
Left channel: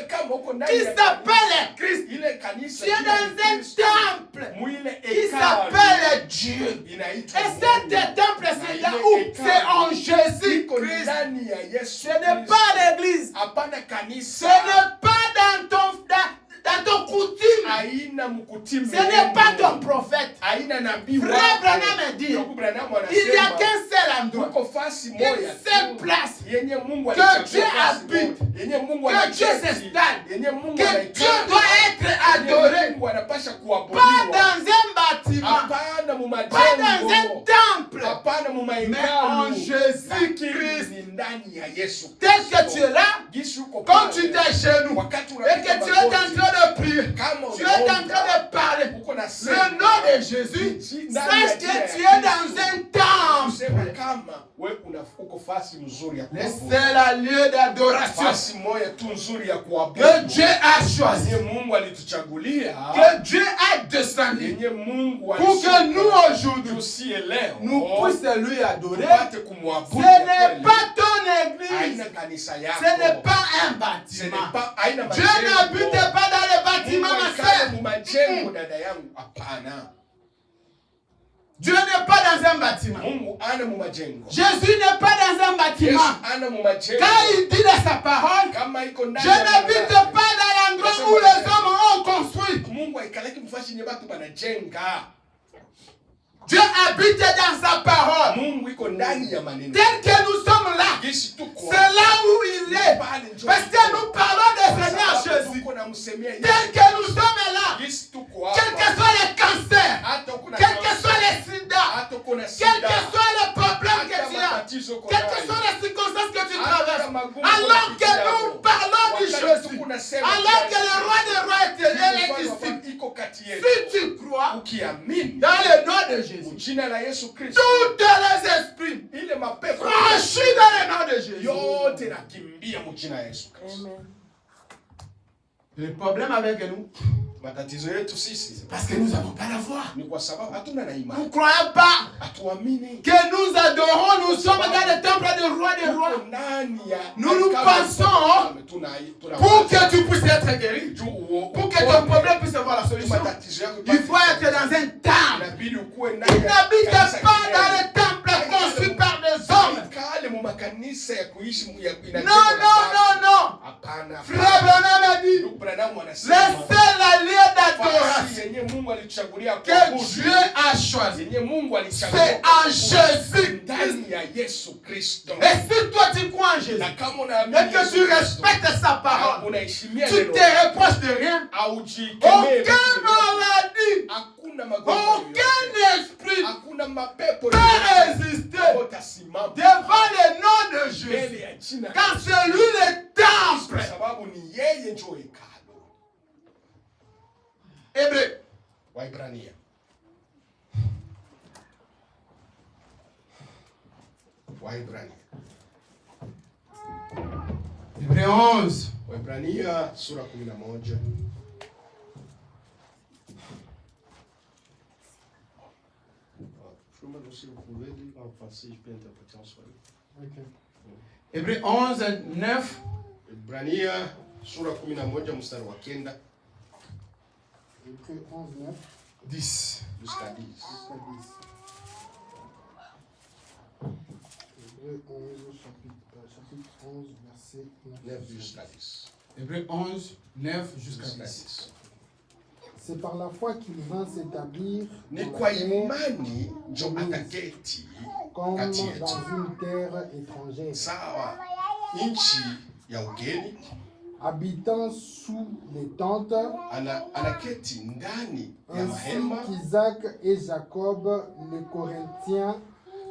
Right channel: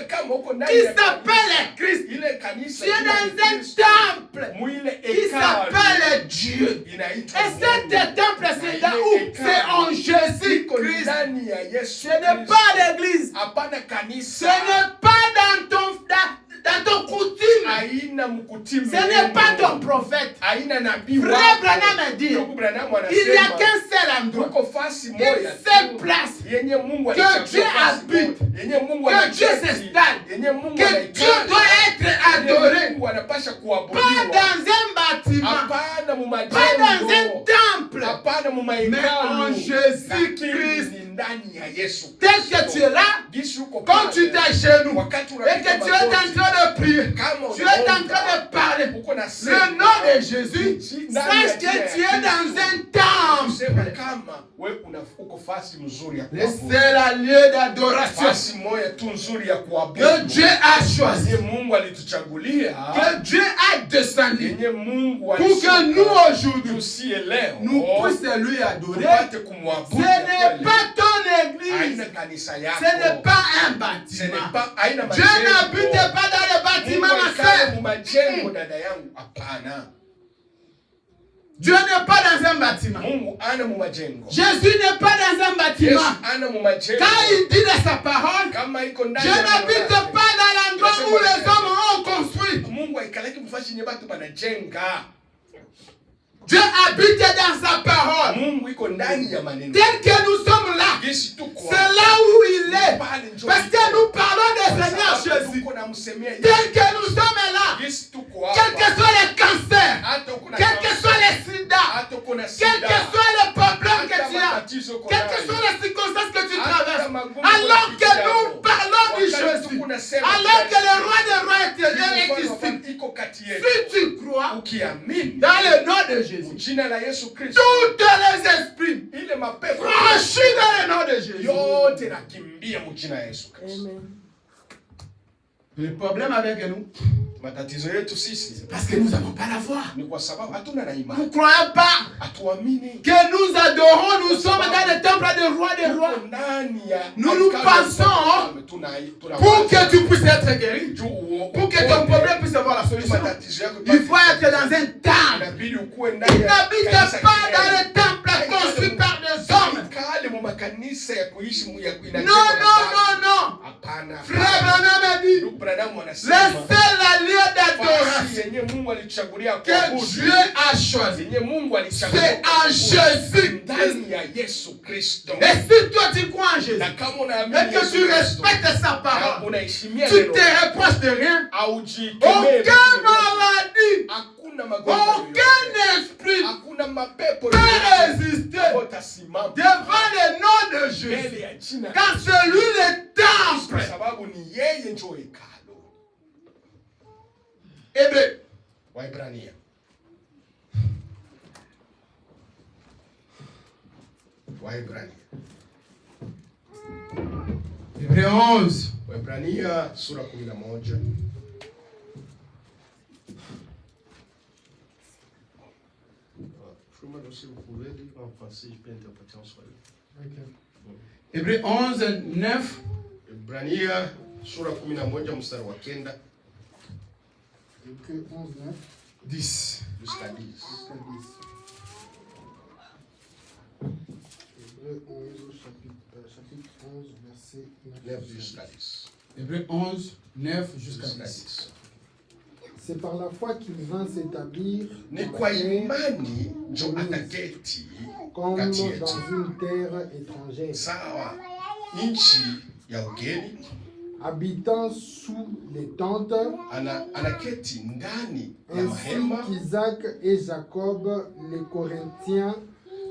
qui s'appelle Christ. Tu es dans un temple qui s'appelle Dieu. Et cet temple, c'est là où c'est en Jésus-Christ. Ce n'est pas l'église. Ce n'est pas dans ton coutume. Ce n'est pas ton prophète. Frère Branham dit, il n'y a qu'un seul endroit, une seule place que Dieu habite, que Dieu s'installe, que Dieu doit être adoré. Pas dans un bâtiment, pas dans un temple, mais en Jésus-Christ. Tel que tu es là, quand tu t'agenouilles et que tu es en train de prier, tu es en train de parler le nom de Jésus, sache que tu es dans un temple. C'est le lieu d'adoration que Dieu a choisi, que Dieu a descendu pour que nous aujourd'hui nous puissions lui adorer. Ce n'est pas ton église, ce n'est pas un bâtiment. Dieu n'habite pas dans le bâtiment, ma sœur. Dieu n'est pas dans un bâtiment. Jésus n'est pas dans un bâtiment. Quand il dit dans sa parole, je n'habite pas dans l'endroit où les hommes ont construit. Dieu habite dans sa parole. Tel que nous sommes là, c'est là où il est. Parce que nous parlons du Seigneur Jésus. Tel que nous sommes là, quel que soit le cancer, quel que soit le sida, quel que soit le problème que tu as, quelles que soient les circonstances que tu traverses, alors que nous parlons du Jésus, alors que le roi des rois est ici, si tu crois dans le nom de Jésus, toutes les esprits franchis dans le nom de Jésus. Le problème avec nous, parce que nous n'avons pas la foi. Nous ne croyons pas que nous adorons, nous sommes dans le temple des rois des rois. Nous pensons pour que tu puisses être guéri, pour que ton problème puisse avoir la solution, il faut être dans un temple. Il n'habite pas dans le temple construit par des hommes. Non. Frère Branham a dit, le seul lieu d'adoration que Dieu a choisi, c'est en Jésus-Christ. Et si toi tu crois en Jésus, et que tu respectes sa parole, tu te reproches de rien, aucun maladie, aucun esprit peut résister devant le nom de Jésus, car c'est lui le temple. Hébreu. Waibrania. Hébreu 11. Waibrania sura 11. Hébreu 11, 9. Waibrania sura 11 mstari wa 9. 10. Jusqu'à 10. Hébreu 11, chapitre 11, verset 9 jusqu'à 10. Hébreu 11, 9 jusqu'à 10. C'est par la foi qu'il vint s'établir ni kwa imani njo ataketi comme kati dans yetu. une terre étrangère, Sawa nchi ya ugeni, habitant sous les tentes, anaketi ndani ya ainsi mahema, qu'Isaac et Jacob, les Corinthiens,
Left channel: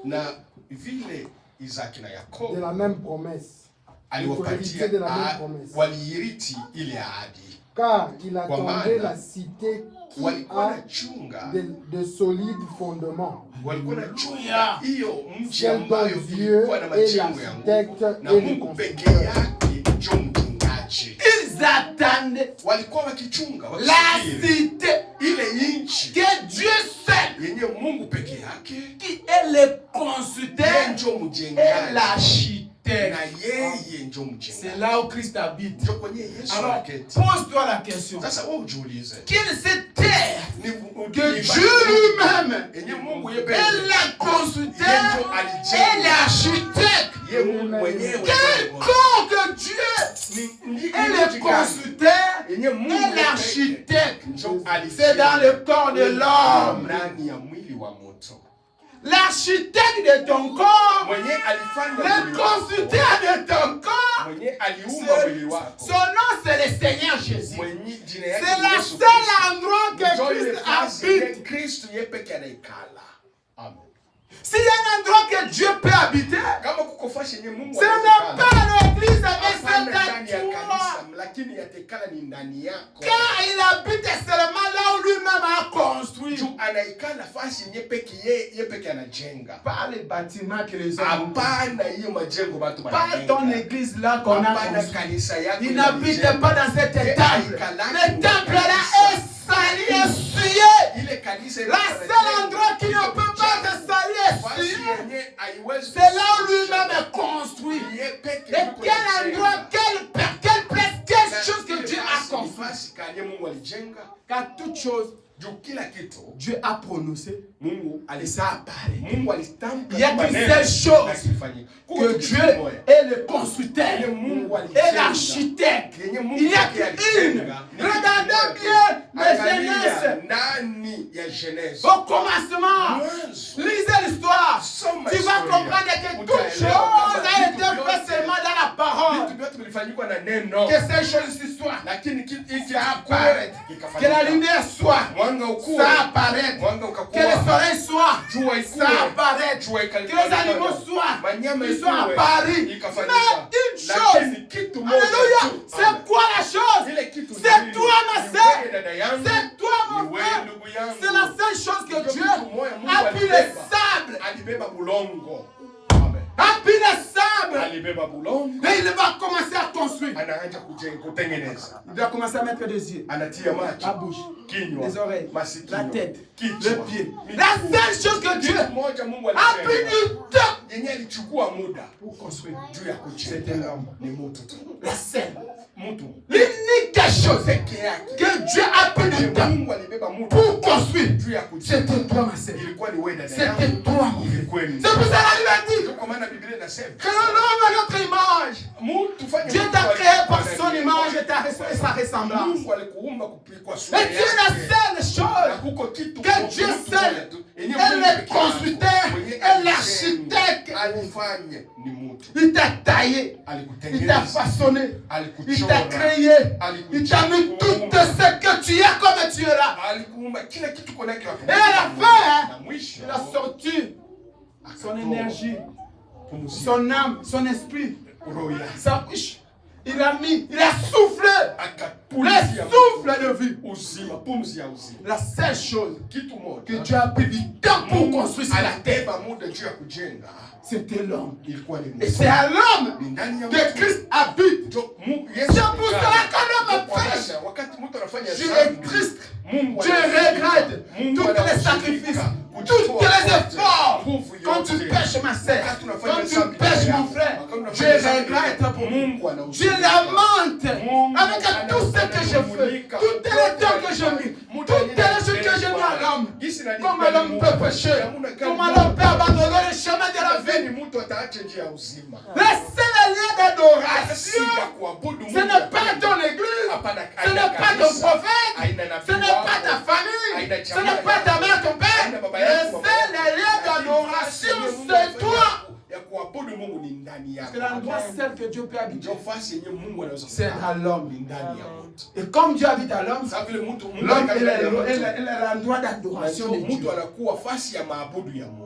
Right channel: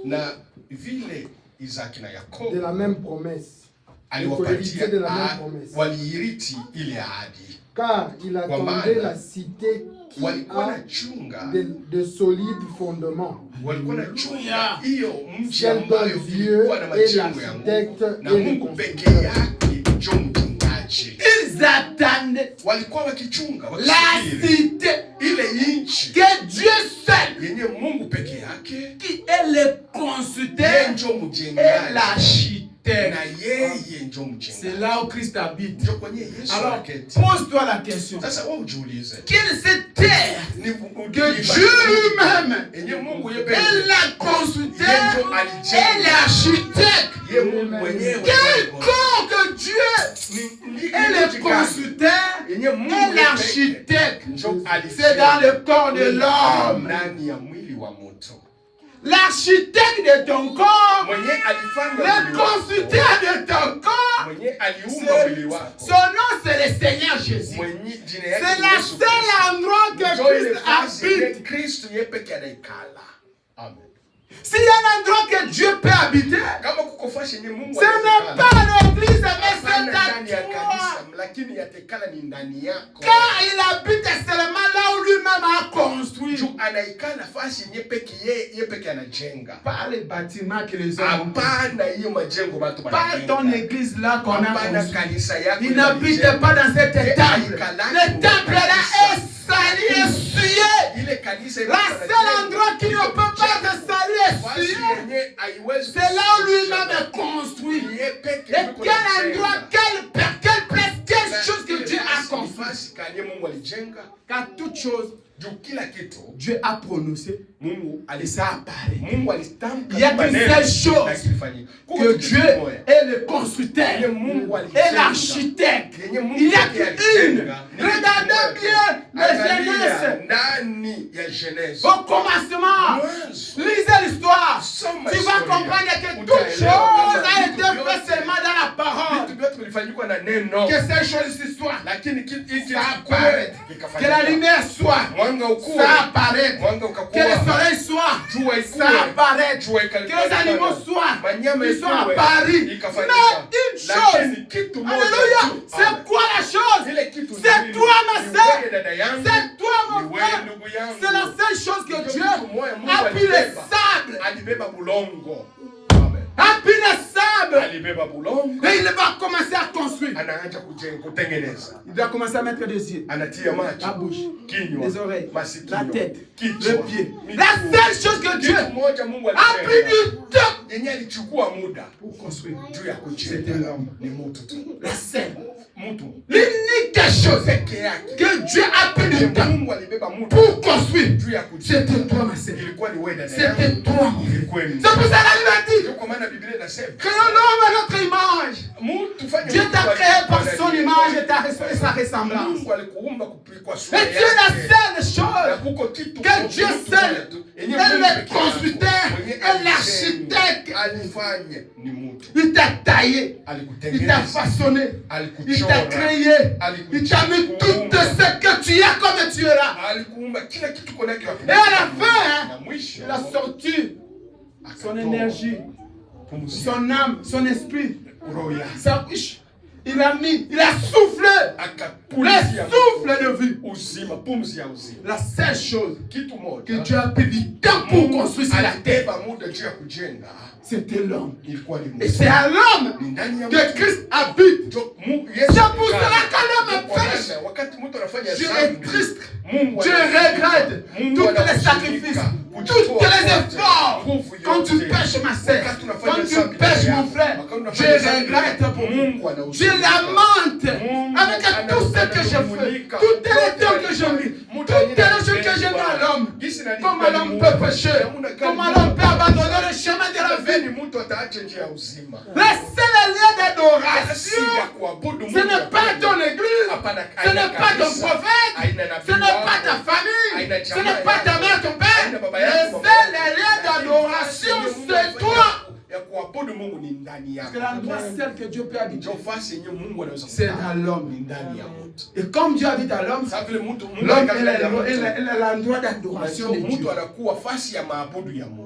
na vile Isaki na Yakobo de la même promesse, aliwapatia de la même promesse. waliiriti ile ahadi, Car il attendait la cité qui walikuwa a na chunga, de solides fondements. walikuwa na chunga hiyo mji Celle ambayo dont Dieu ilikuwa na est majengo ya l'architecte nguvu, na et le Mungu pekee constructeur. yake njo mjengaji. Ils attendaient Walikuwa wakichunga, la wakisubiri cité ile nchi que Dieu seul, yenye Mungu peke yake, qui est le constructeur njo et mjengaji, l'architecte. na yeye njo C'est mjengaji. là où Christ habite. Njo kwenye Yesu Alors, anaketi. pose-toi la question. Sasa wewe ujiulize, Quelle est cette terre que ni Dieu lui-même yenye Mungu yeye est pekee, le constructeur yeye njo et alijenga, l'architecte? yeye Mungu mwenyewe. Quel corps que Dieu est le constructeur yenye Mungu et l'architecte? njo C'est dans le corps de l'homme. ndani ya mwili wa mtu. L'architecte de ton corps, Mwenye alifanya le mwili wako, constructeur de ton corps, mwenye aliumba mwili wako, son nom c'est le Seigneur Jésus. mwenye jina yake C'est ni le Yesu seul Kristo. endroit que Njo ile Christ fasi habite. yenye Kristo yeye peke anaikala. Amen. S'il y a un endroit que Dieu peut habiter, Kama kuko fasi yenye Mungu ce n'est pas l'église avec hapana ses ndani ya toits. kanisa, lakini yatekala ni ndani yako. Car il habite seulement là où lui-même a construit. Juu anaikala fasi yenye peke yeye peke anajenga. Pas les bâtiments que les hommes ont. Hapana hiyo majengo watu Pas wanajenga. ton église là qu'on a Hapana construit. kanisa yako. Il n'habite pas dans cet temple. Le temple là est sali et souillé. Ile kanisa La seul endroit qui ne peut pas être sali et souillé, c'est là où lui-même est construit. Et quel endroit, quelle place, quelle chose que Dieu a construit. Car toute chose, Dieu a prononcé et ça apparaît. Il y a qu'une seule chose, que Dieu est le constructeur et l'architecte. Il n'y a qu'une. Regardez bien les Genèse. Au commencement, lisez l'histoire. Tu vas comprendre que toute chose a été faite seulement dans la parole. Que ces choses ici soient. Ça apparaît. Que la lumière soit. Ça apparaît. Que le soleil soit. Ça apparaît. Que les animaux soient. Ils sont apparus. Mais une chose. Alléluia. C'est quoi la chose? C'est toi ma soeur. C'est toi mon frère. C'est la seule chose que Dieu a pris le sable. A pris le sable. Et il va commencer à construire. Il doit commencer à mettre des yeux, la bouche, les oreilles, la tête, le pied. La seule chose que Dieu a pris du temps pour construire, c'était l'homme. La seule. L'unique chose que Dieu a pris du temps pour construire, c'était toi, ma sœur. C'était toi. C'est pour ça que la Bible dit que l'homme est notre image. Dieu t'a créé par son image et sa sa ressemblance. Et tu es la seule chose que Dieu seul est le constructeur et l'architecte. Il t'a taillé, il t'a façonné, il t'a créé, il t'a mis tout ce que tu as comme tu es là. Et à la fin, il a sorti son énergie, son âme, son esprit, sa bouche. Il a soufflé le souffle de vie. La seule chose que Dieu a pris du temps pour construire sur la terre, c'était l'homme. Et c'est à l'homme que Christ habite. C'est pour cela que l'homme pêche. Dieu est triste. Dieu regrette tous les sacrifices, tous les efforts. Quand tu pêches ma sœur, quand tu pêches mon frère, Dieu regrette pour moi. Dieu lamente avec tout ce que je fais, toutes les temps que je vis, toutes les choses que je mets à l'homme. Comment l'homme peut pécher? Comment l'homme peut abandonner le chemin de la vie? Le seul lieu d'adoration, ce n'est pas ton église, ce n'est pas ton prophète, ce n'est pas ta famille, ce n'est pas ta mère, ton père. Le seul lieu d'adoration, c'est toi. Parce que l'endroit seul que Dieu peut habiter, c'est à l'homme. Et comme Dieu habite à l'homme, l'homme est l'endroit d'adoration de Dieu.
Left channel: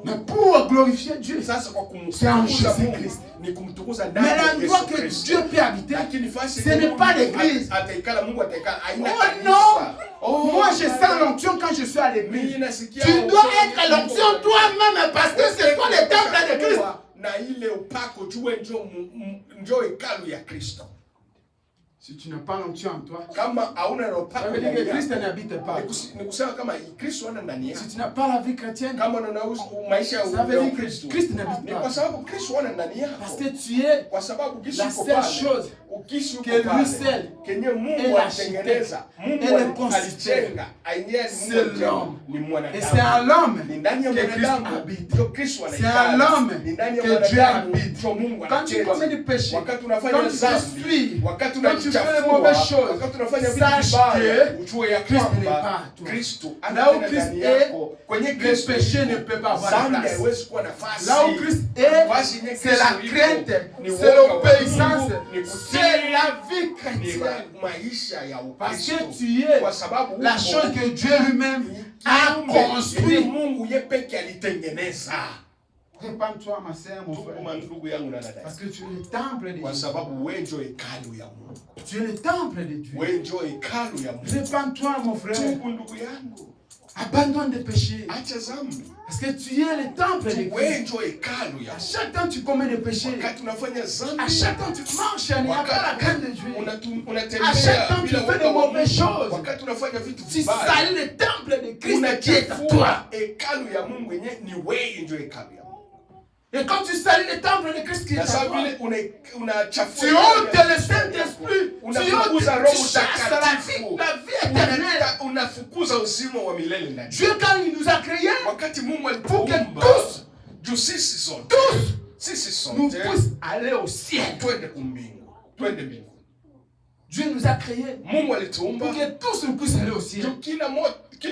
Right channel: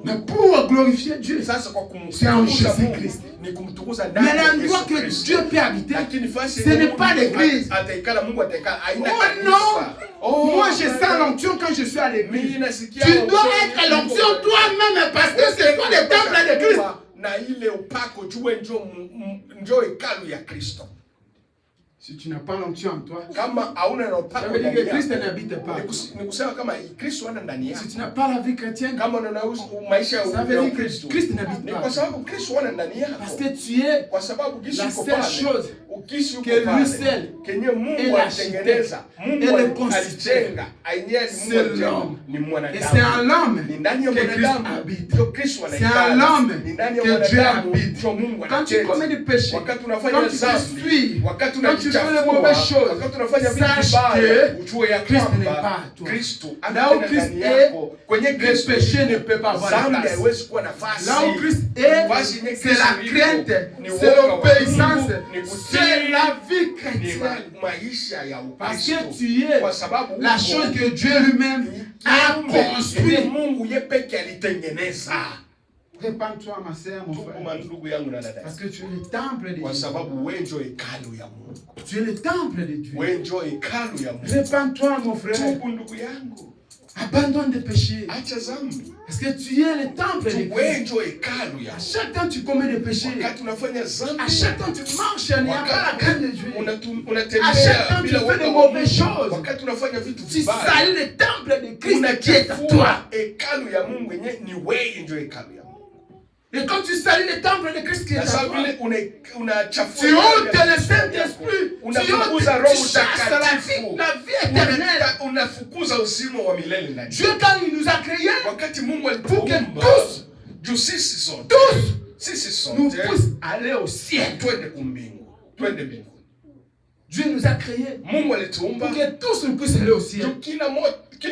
Mais pour glorifier Dieu, c'est en Jésus-Christ. Mais l'endroit que Dieu peut habiter, ce n'est pas l'église. Oh non! Moi je sens l'onction quand je suis à l'église. Tu dois être l'onction toi-même parce que c'est toi le temple de Christ. Si tu n'as pas l'onction en toi, ça veut dire que Christ n'habite pas. Si tu n'as pas la vie chrétienne, ça veut dire que Christ n'habite pas. Parce que tu es la seule chose que lui seul est l'architecte et le constructeur. C'est l'homme. Et c'est à l'homme que Christ habite. C'est à l'homme que Dieu habite. Quand tu commets du péché, quand tu te fuis, quand tu fais les mauvaises choses, sache que Christ n'est pas à toi. Là où Christ est, le péché ne peut pas avoir de place. Là où Christ est, c'est la crainte, c'est l'obéissance, c'est la vie chrétienne. Parce que tu es la chose que Dieu lui-même a construite. Répands-toi, ma sœur, mon frère. Parce que tu es le temple de Dieu. Tu es le temple de Dieu. Répands-toi, mon frère. Abandonne des péchés. Parce que tu es le temple de Dieu. À chaque temps tu commets des péchés. À chaque temps tu marches, il n'y a pas la crainte de Dieu. À chaque temps tu fais de mauvaises choses. Tu salis le temple de Christ qui est à toi. Et quand tu salis le temple de Christ qui est à toi, tu ôtes le Saint-Esprit, tu chasses la vie éternelle. Dieu, quand il nous a créés, pour que tous nous puissent aller au ciel. Dieu nous a créés pour que tous nous puissent aller au ciel. Ce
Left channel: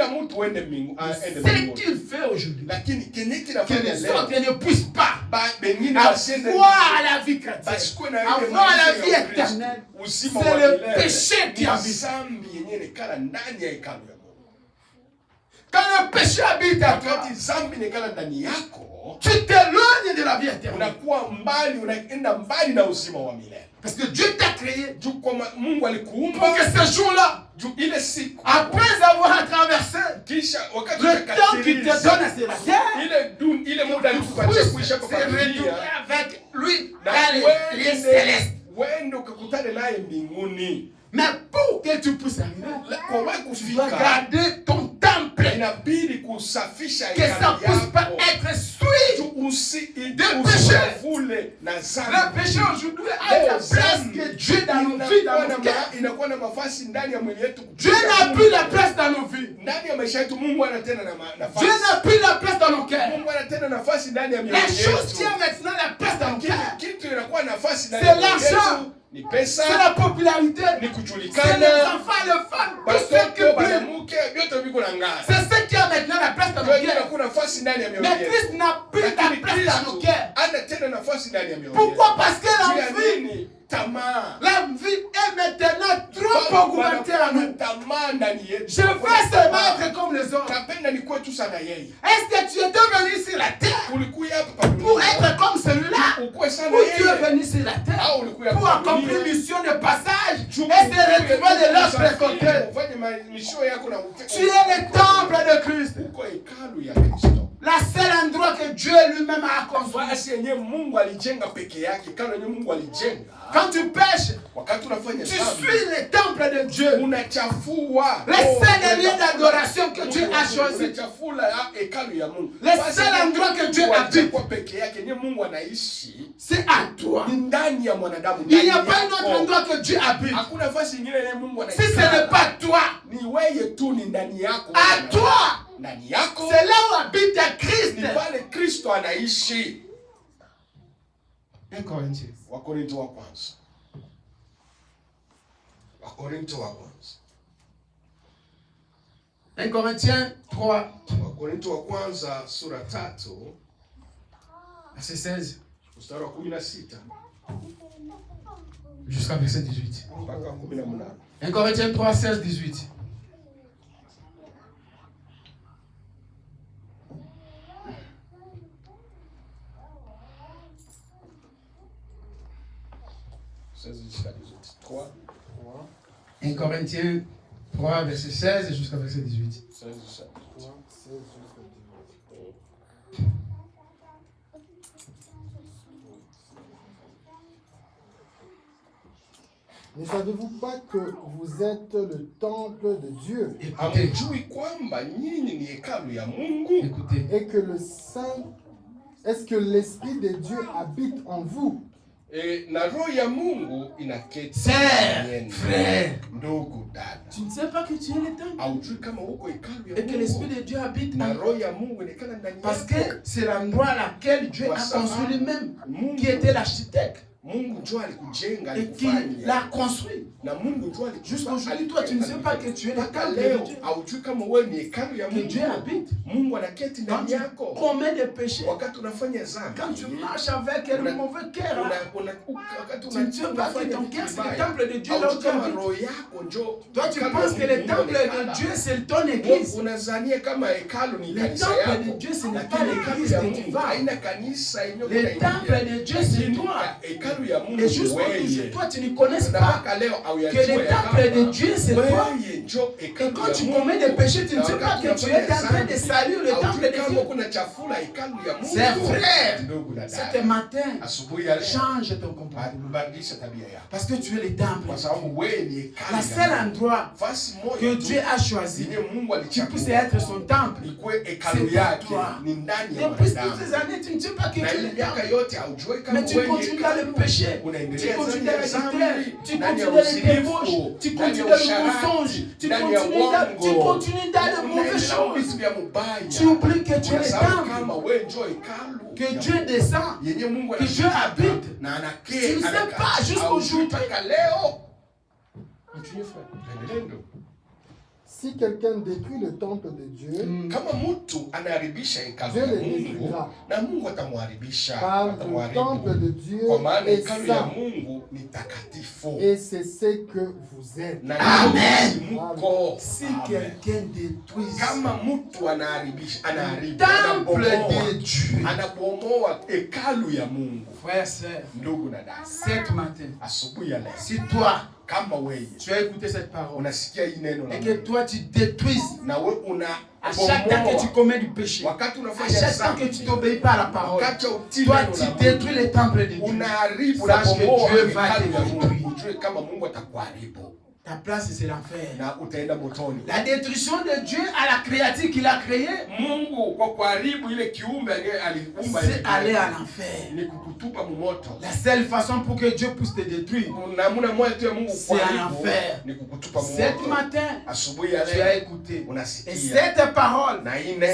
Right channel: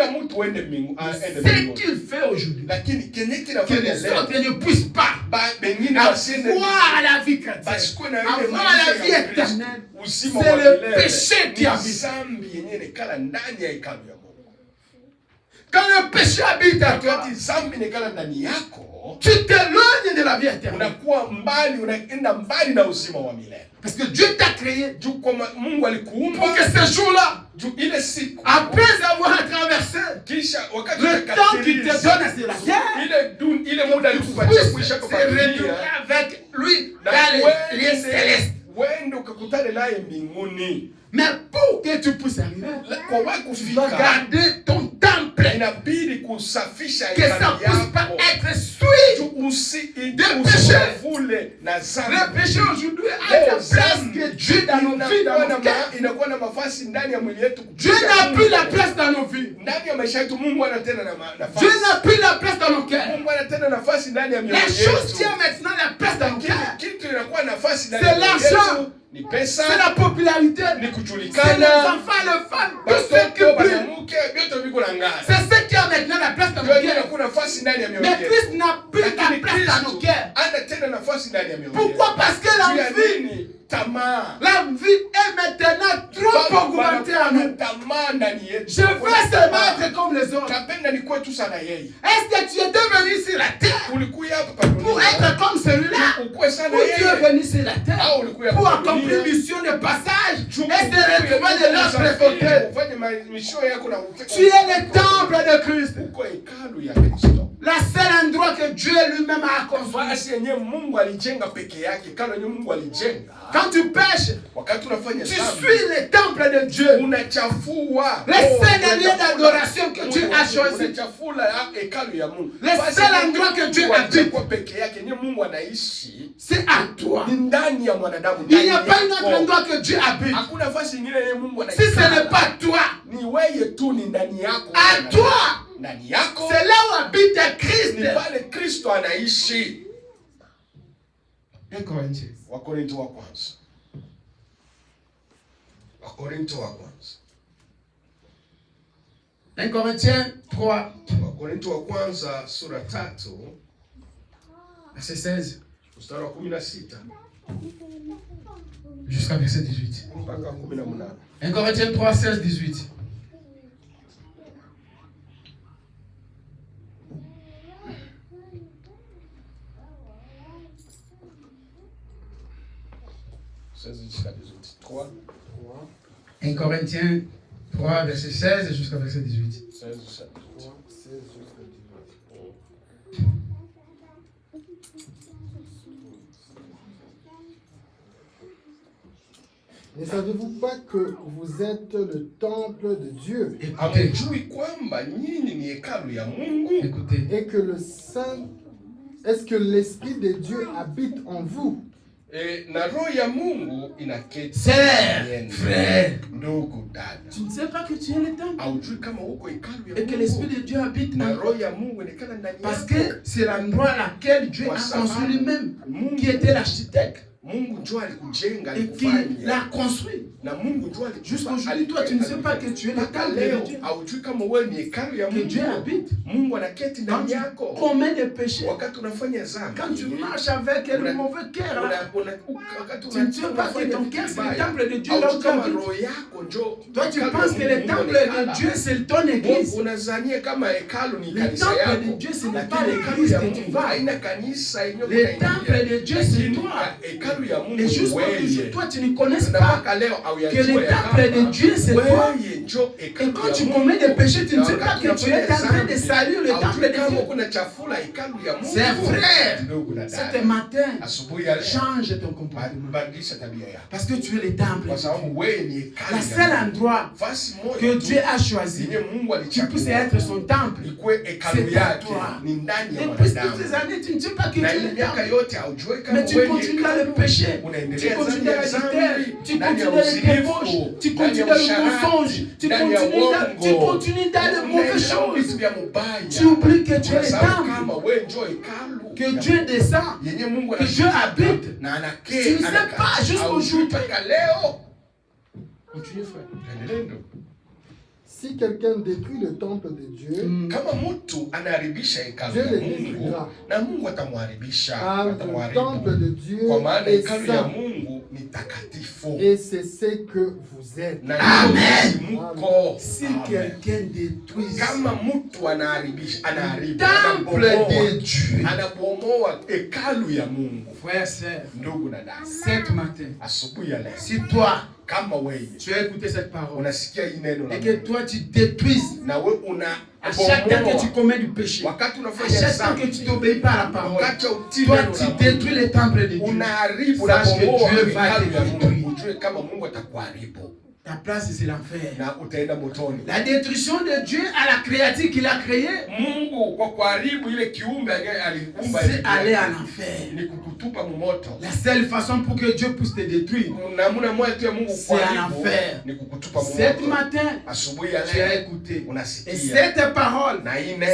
qu'il fait aujourd'hui, que les autres ne puissent pas avoir la vie chrétienne, avoir la vie éternelle, c'est le péché qui habite. Quand le péché habite à toi, tu t'éloignes de la vie éternelle. Parce que Dieu t'a créé pour que ce jour-là, après avoir traversé le temps qu'il te donne sur la terre, tu puisses te retrouver avec lui dans les célestes. Mais pour que tu puisses arriver, tu dois garder ton temple inabidi kusafisha que ça ne puisse pas être souillé de péché. Le péché aujourd'hui a la place que Dieu dans nos vies, dans nos cœurs. Dieu n'a plus la place dans nos vies. Dieu n'a plus la place dans nos cœurs. La chose qui a maintenant la place dans nos cœurs, c'est l'argent. C'est la popularité, c'est les enfants, les femmes, tout ce qui brille. C'est ce qui a maintenant la place dans nos cœurs. Mais Christ n'a plus la place dans nos cœurs. Pourquoi? Parce que la vie est maintenant trop augmentée en nous. Je veux seulement être comme les autres. Est-ce que tu étais venu sur la terre pour être comme celui-là? Ou tu es venu sur la terre pour accomplir une mission de passage et se retrouver de l'autre côté? Tu es le temple de Christ. La seule endroit que Dieu lui-même a construit. Quand tu pêches, tu suis le temple de Dieu. Le seul lieu d'adoration que Dieu a choisi. Le seul endroit que Dieu habite, c'est à toi. Il n'y a pas un autre endroit que Dieu habite. Si ce n'est pas toi, à toi, c'est là où habite Christ. 1 Corinthiens. Wakorintho wa kwanza. Wakorintho wa kwanza. 1 Corinthiens 3. Wakorintho wa kwanza sura 3 verset 16 mstari wa 16 jusqu'à verset 18. mpaka 18. 1 Corinthiens 3, 16, 18. Jusqu'à 18. 3. 1 Corinthiens 3, verset 16 jusqu'à verset 18. 16 jusqu'à 18. Ne savez-vous pas que vous êtes le temple de Dieu? Écoutez. Écoutez. Et que le Saint, est-ce que l'Esprit de Dieu habite en vous? Frère, tu ne sais pas que tu es le temple et que l'Esprit de Dieu habite en toi. Parce que c'est l'endroit dans lequel Dieu a construit lui-même, qui était l'architecte. Et qui l'a construit. Jusqu'aujourd'hui, toi, tu ne sais pas que tu es le temple de Dieu. Que Dieu habite. Quand tu commets des péchés, quand tu marches avec un mauvais cœur, tu ne sais pas que ton cœur, c'est le temple de Dieu là où tu habites. Toi, tu penses que le temple de Dieu, c'est ton église. Le temple de Dieu, ce n'est pas l'église que tu vas. Le temple de Dieu, c'est toi. Et jusqu'aujourd'hui, toi, tu ne connais pas que le temple de Dieu, c'est toi. Et quand tu commets des péchés, tu ne sais pas que tu es en train de salir le temple de Dieu. C'est frère. Ce matin, change ton comportement. Parce que tu es le temple. La seule endroit que Dieu a choisi qui puisse être son temple, c'est toi. Depuis toutes ces années, tu ne sais pas que tu es le temple. Mais tu continues dans le péché. Tu continues dans l'adultère, tu continues dans les débauches, tu continues dans le mensonge, tu continues dans les mauvaises choses. Tu oublies que tu es le temple, que Dieu descend, que Dieu habite. Tu ne sais pas jusqu'aujourd'hui. Continue, frère. Si quelqu'un détruit le temple de Dieu, Dieu le détruira. Car le temple de Dieu est saint. Et c'est ce que vous êtes. Amen. Si quelqu'un détruit le temple de Dieu, frère, sœur, ce matin, si toi, tu as écouté cette parole et que toi tu détruises à chaque fois que tu commets du péché, à chaque fois que tu t'obéis pas à la parole, toi tu détruis le temple de Dieu. Sache que Dieu va te détruire. ta place c'est l'enfer. Na utaenda motoni. La destruction de Dieu à la créature qu'il a créée, Mungu kwa kuharibu ile kiumbe aliumba, c'est aller en enfer. Ni kukutupa moto. La seule façon pour que Dieu puisse te détruire, Namuna moja tu ya Mungu c'est en enfer. Ni kukutupa moto. Cet matin, asubuhi ya tu as leo écouté. unasikia. Et cette parole,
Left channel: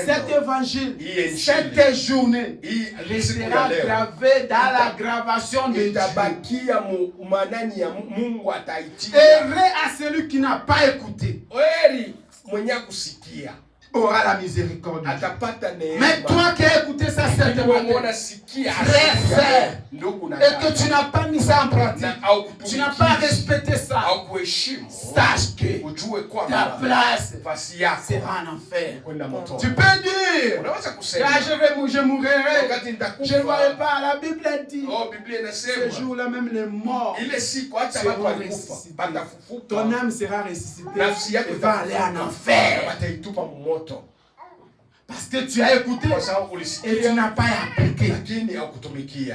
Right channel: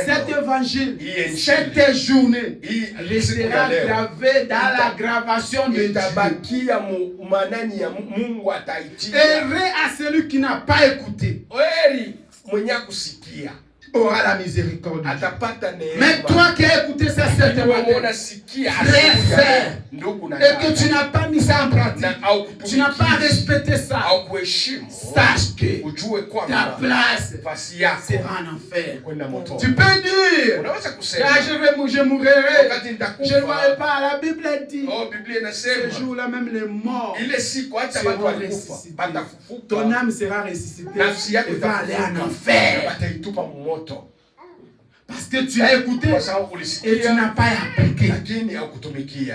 cet évangile, cette journée restera gravée dans la gravation de Dieu. Heureux à celui qui n'a pas écouté. Aura la miséricorde. Mais toi qui as écouté ça cette matin, frère, et que tu n'as pas mis ça en pratique, tu n'as pas respecté ça, sache que ta place sera en enfer. Tu peux dire, là je mourrai, je ne mourrai pas. La Bible dit, ce jour-là même les morts seront ressuscités. Ton âme sera ressuscitée et va aller en enfer. Parce que tu as écouté et tu n'as pas appliqué.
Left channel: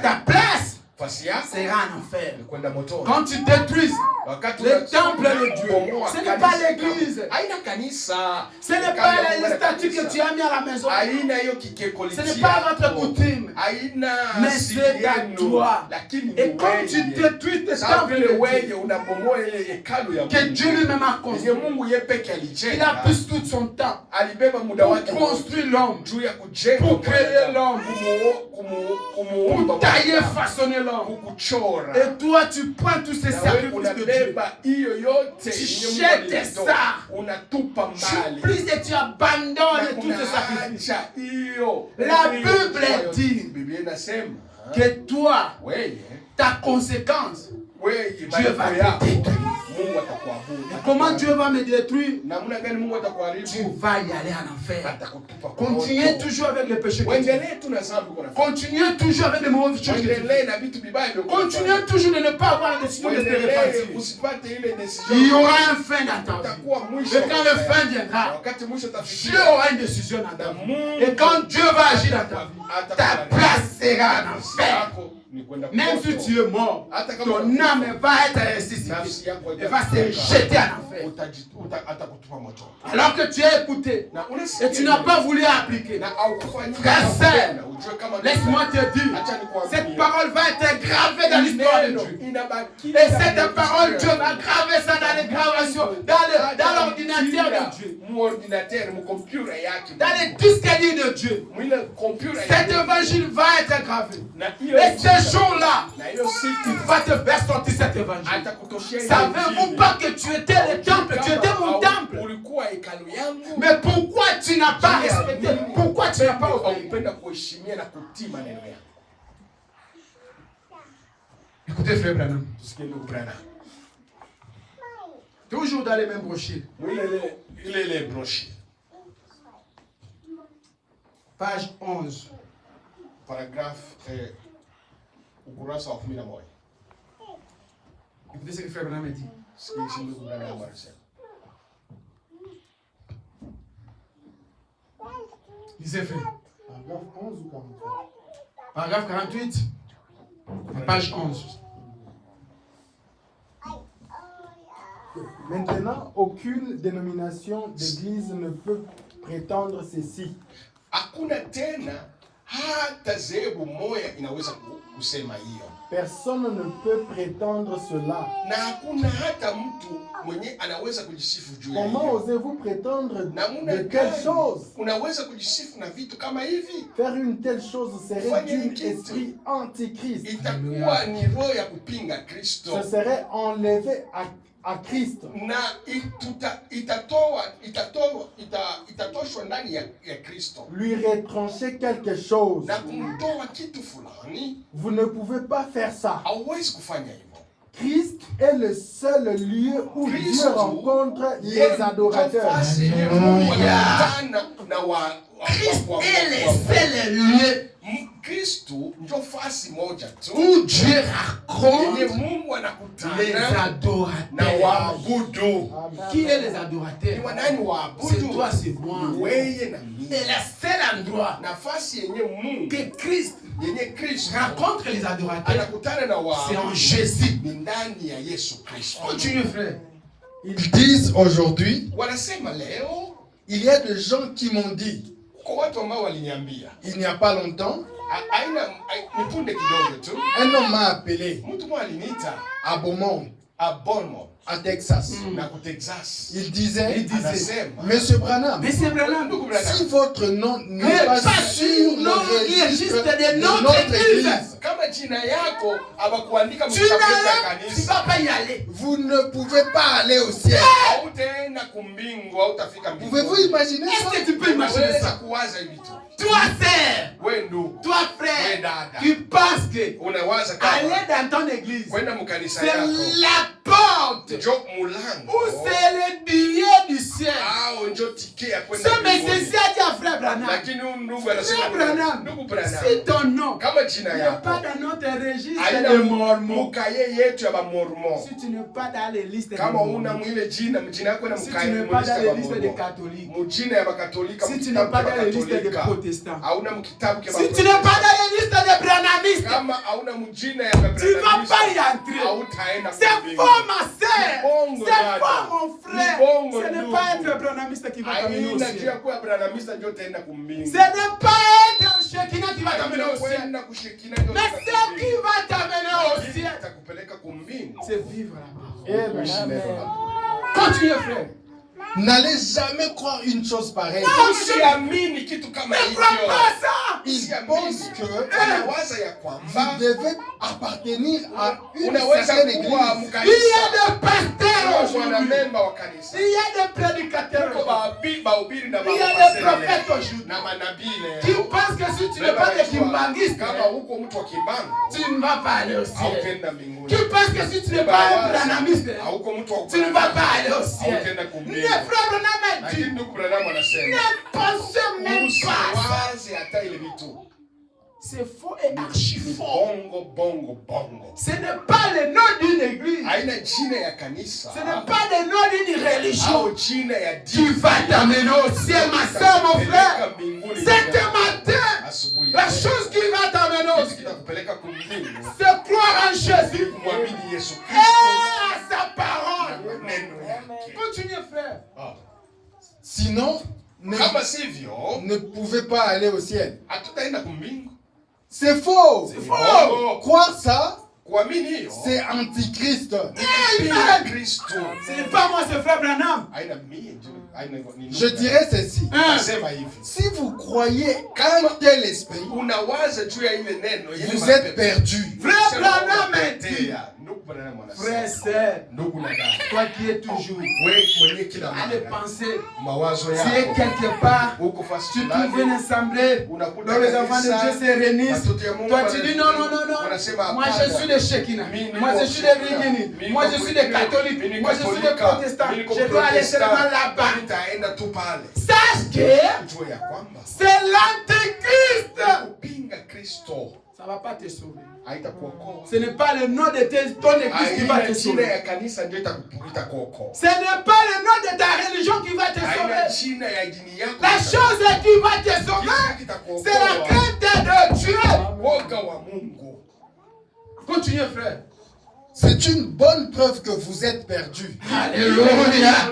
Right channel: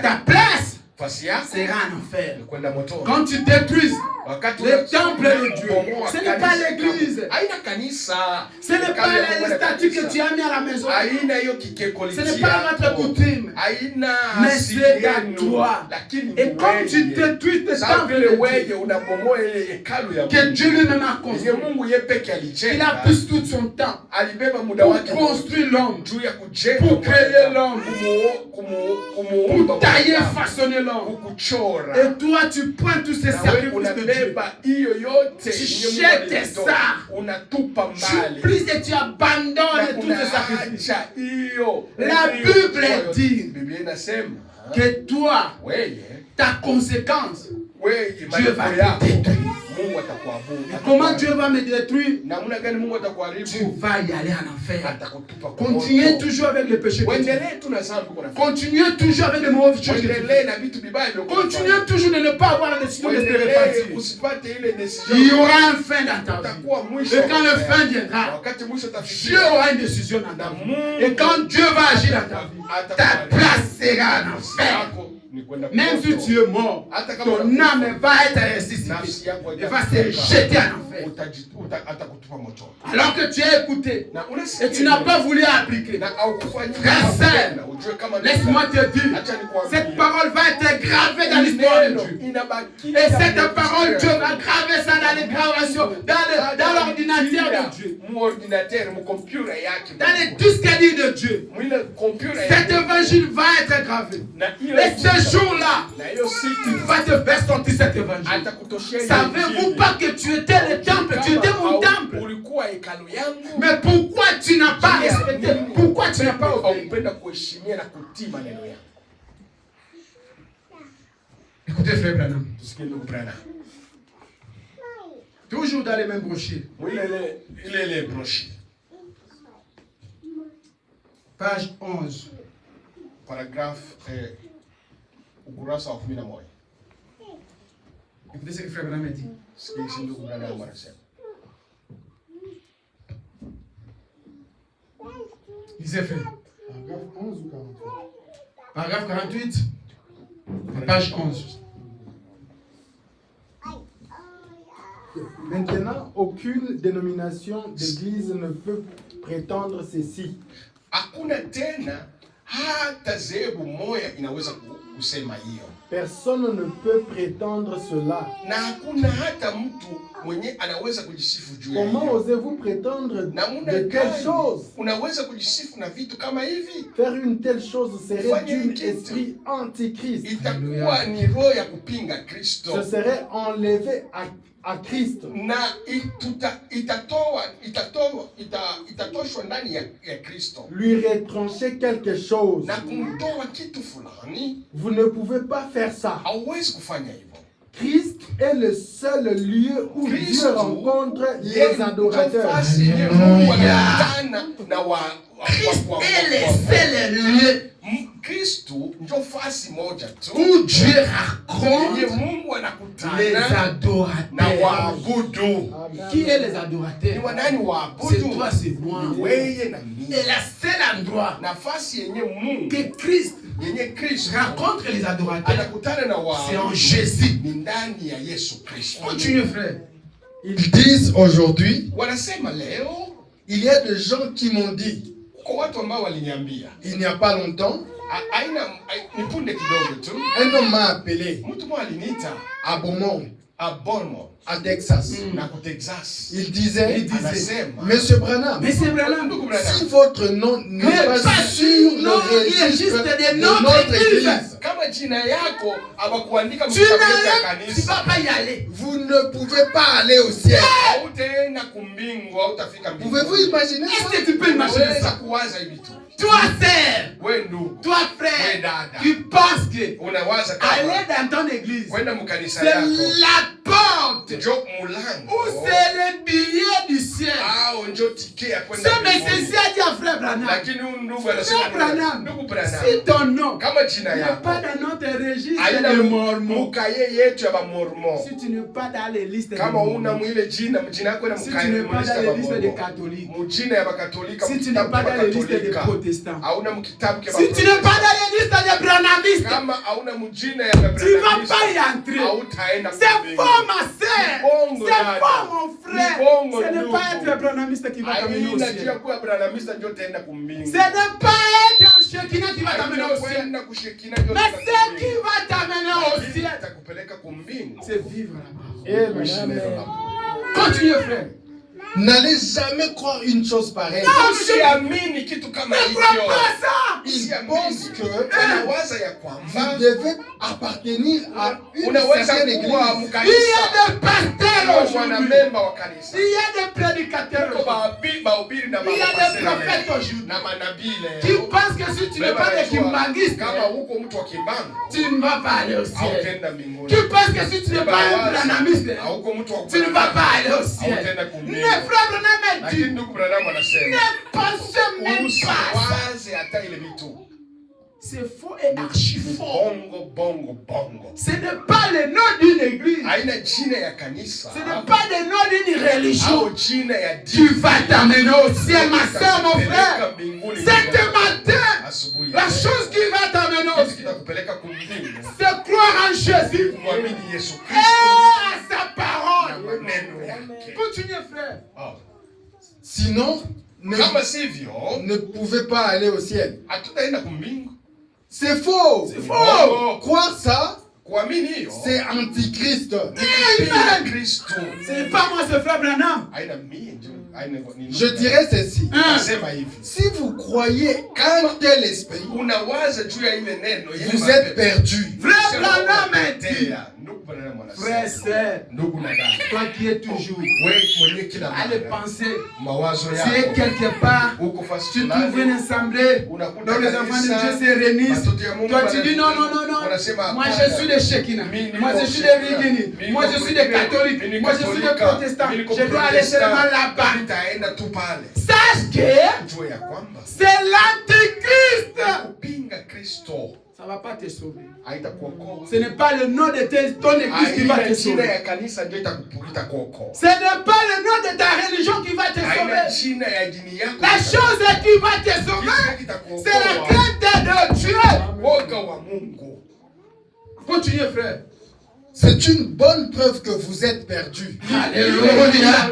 Ta place sera en enfer. Quand tu détruis le temple de Dieu, ce n'est pas l'église, ce n'est pas les statues que tu as mis à la maison, ce n'est pas votre coutume, mais c'est à toi. Et quand tu détruis le temple de Dieu, que Dieu lui-même a construit, il a pris tout son temps pour construire l'homme, pour créer l'homme, pour tailler, façonner l'homme. Et toi tu prends tous ces sacrifices de Dieu, tu jettes ça, tu plies et tu abandonnes tous ces sacrifices. La Bible dit que toi, ta conséquence, Dieu va te détruire. Comment Dieu va me détruire? Tu vas y aller en enfer. Continuez toujours avec le péché. Continuez toujours avec les mauvaises choses. Continuez toujours de ne pas avoir la décision de se repentir. Il y aura un fin dans ta vie. Et quand le fin viendra, Dieu aura une décision dans ta vie. Et quand Dieu va agir dans ta vie, ta place sera en enfer. Même si tu es mort, ton âme va être ressuscitée et va se jeter en enfer. Alors que tu as écouté et tu n'as pas voulu appliquer. Frère, laisse-moi te dire, cette parole va être gravée dans l'histoire de Dieu. Et cette parole, Dieu va graver ça dans les gravations, dans l'ordinateur de Dieu, dans les disques durs de Dieu. Cet évangile va être gravé. Et ce jour-là, il va te faire sortir cet évangile. Savez-vous pas que tu étais le temple, tu étais mon temple? Mais pourquoi tu n'as pas respecté? Pourquoi tu n'as pas obéi? Écoutez, frère Branham. Toujours dans les mêmes brochures. Page 11. Paragraphe ukurasa wa 11. Écoutez ce que frère Branham dit. Lisez, frère. Paragraphe 11 ou 48? Paragraphe 48, page 11. Maintenant, aucune dénomination d'église ne peut prétendre ceci. Hakuna tena hata zebu moya inaweza kusema hiyo. Personne ne peut prétendre cela. Na hakuna hata mtu mwenye anaweza kujisifu juu ya hiyo. Comment osez-vous prétendre de telle chose? Unaweza kujisifu na vitu kama hivi? Faire une telle chose serait d'un esprit antichrist. Itakuwa ni roho ya kupinga Kristo. Ce serait enlevé à Christ. Na itatoshwa ndani ya Kristo. Lui retrancher quelque chose. Na kumtoa kitu fulani. Vous ne pouvez pas faire ça. Hauwezi kufanya hivyo. Christ est le seul lieu où Dieu rencontre les adorateurs. Christ est le seul lieu où Dieu rencontre les adorateurs. Qui est les adorateurs? C'est toi, c'est moi. Et la seule endroit que Christ rencontre les adorateurs, c'est en Jésus. Continue, frère. Ils disent aujourd'hui, wanasema leo, il y a des gens qui m'ont dit, kwa watu ambao waliniambia, il n'y a pas longtemps, nipunde kidogo tu, un homme m'a appelé mtu mmoja aliniita à Beaumont, à Texas. na ku Texas. Il disait, anasema, Monsieur Branham, si votre nom n'est pas sur le registre de notre église, kama jina yako hawakuandika mkitabu cha kanisa, vous ne pouvez pas aller au ciel. hautaenda kumbingu, hautafika mbingu. Pouvez-vous imaginer ça? Est-ce que tu peux imaginer ça? Kuwaza hivi tu. Toi, sœur, Wewe ndugu, toi, frère, tu penses que unawaza kama aller dans ton église, kwenda mkanisa c'est yako la porte njo mulango ou c'est le billet du ciel. au njo tike ya kwenda Ce monsieur a dit à frère Branham, lakini huyu ndugu frère anasema, Branham, ndugu Branham, si ton nom kama jina n'est yako pas dans notre registre haina de mormons, mukaye yetu ya bamormon, si tu n'es pas dans les listes de kama una mormons, mwile jina yako na si mukaye tu n'es pas dans les listes des mujina catholiques, mujina ya bakatolika, si tu n'es pas dans les listes des protestants, hauna mkitabu si tu n'es pas dans les listes des branhamistes, kama hauna mujina ya tu ne vas pas y Branhamista, entrer. hautaenda C'est faux, ma sœur. Bongo, C'est dada. faux, mon frère. Bongo, Ce n'est ndugu. pas être branhamiste qui va t'amener au haina ciel. jia kuwa Branhamista ndio utaenda kumbingu. Ce n'est pas être un shekinah qui va t'amener au ciel. Haina kushikina ndio Mais ce qui va t'amener au ciel, atakupeleka kumbingu. c'est vivre là-bas. Eh, kuishi neno lako. Continue, frère. N'allez jamais croire une chose pareille. Usiamini kitu kama Ne hicho. crois pas ça. Ils pensent que wanawaza ya kwamba vous devez appartenir à une unaweza certaine kuwa église. Il y mkanisa a des pasteurs aujourd'hui. mwanamemba wa kanisa. Il y a des prédicateurs Kuko aujourd'hui. bahubiri na Il y a des mapasteri prophètes aujourd'hui na manabii qui leo. pensent que si tu n'es pas des kimbangistes, Kama huko mtu wa kimbanga tu ne vas pas aller au ciel. hautaenda mbinguni. Qui pense que si tu n'es pas un branhamiste, Hauko mtu wa tu ne vas pas aller au ciel. hautaenda kumbingu. Les frères Branham a Lakini dit, ndugu Branham anasema ne pensez même pas ça. usiwaze hata ile vitu. C'est faux et archi faux. Bongo. Ce n'est pas le nom d'une église. Haina jina ya kanisa. Ce n'est pas le nom d'une religion. Au jina ya Tu dini. vas t'amener au ciel, ma soeur, mon frère. C'est ce matin. Asubuhi. La chose qui va t'amener au ciel, Kitakupeleka kumbingu. c'est croire en Jésus Kumwamini Yesu et Kristo à sa na parole. maneno yake. Continue, frère. Sinon, Kama sivyo, ne pouvez pas aller au ciel. hatutaenda kumbingu. C'est faux. C'est faux. Croire ça, Kuamini hiyo c'est antichrist. ni Kristo. Ce n'est pas moi, ce frère Branham. Haina mie tu. Haina ni. Je dirais ceci. Nasema hivi. Si vous croyez qu'un tel esprit, Unawaza juu ya ile neno ile vous êtes perdu. Frère Branham a dit, ndugu Branham frère, anasema, sœur, ndugu na dada, toi qui es toujours wewe mwenye kila allez mara penser, mawazo tu es yako quelque part, uko fasi tu trouves une fulani, assemblée, unakuta dont les enfants de kanisa, Dieu se réunissent. watoto ya Mungu Toi tu dis non, wanasema moi hapana. je suis des Shekinah, Mimi moi je niko suis des Shekinah, Virginis, mimi moi niko je suis des Virginis, catholiques, mimi moi je niko suis des Katolika, protestants, mimi niko je dois aller Protestant, seulement là-bas. nitaenda tu pale. Sache que Jua ya kwamba c'est l'antéchrist. kupinga Kristo Ça ne va pas te sauver. haitakuokoa. Ce n'est pas le nom de ton église qui va te Haina jina sauver. ya kanisa ndio itakuokoa. Ce n'est pas le nom de ta religion qui va te Haina sauver. jina ya dini yako. La chose qui va te sauver, c'est la crainte de Dieu. Woga wa Mungu. Continuez, frère. C'est une bonne preuve que vous êtes perdu. Alléluia.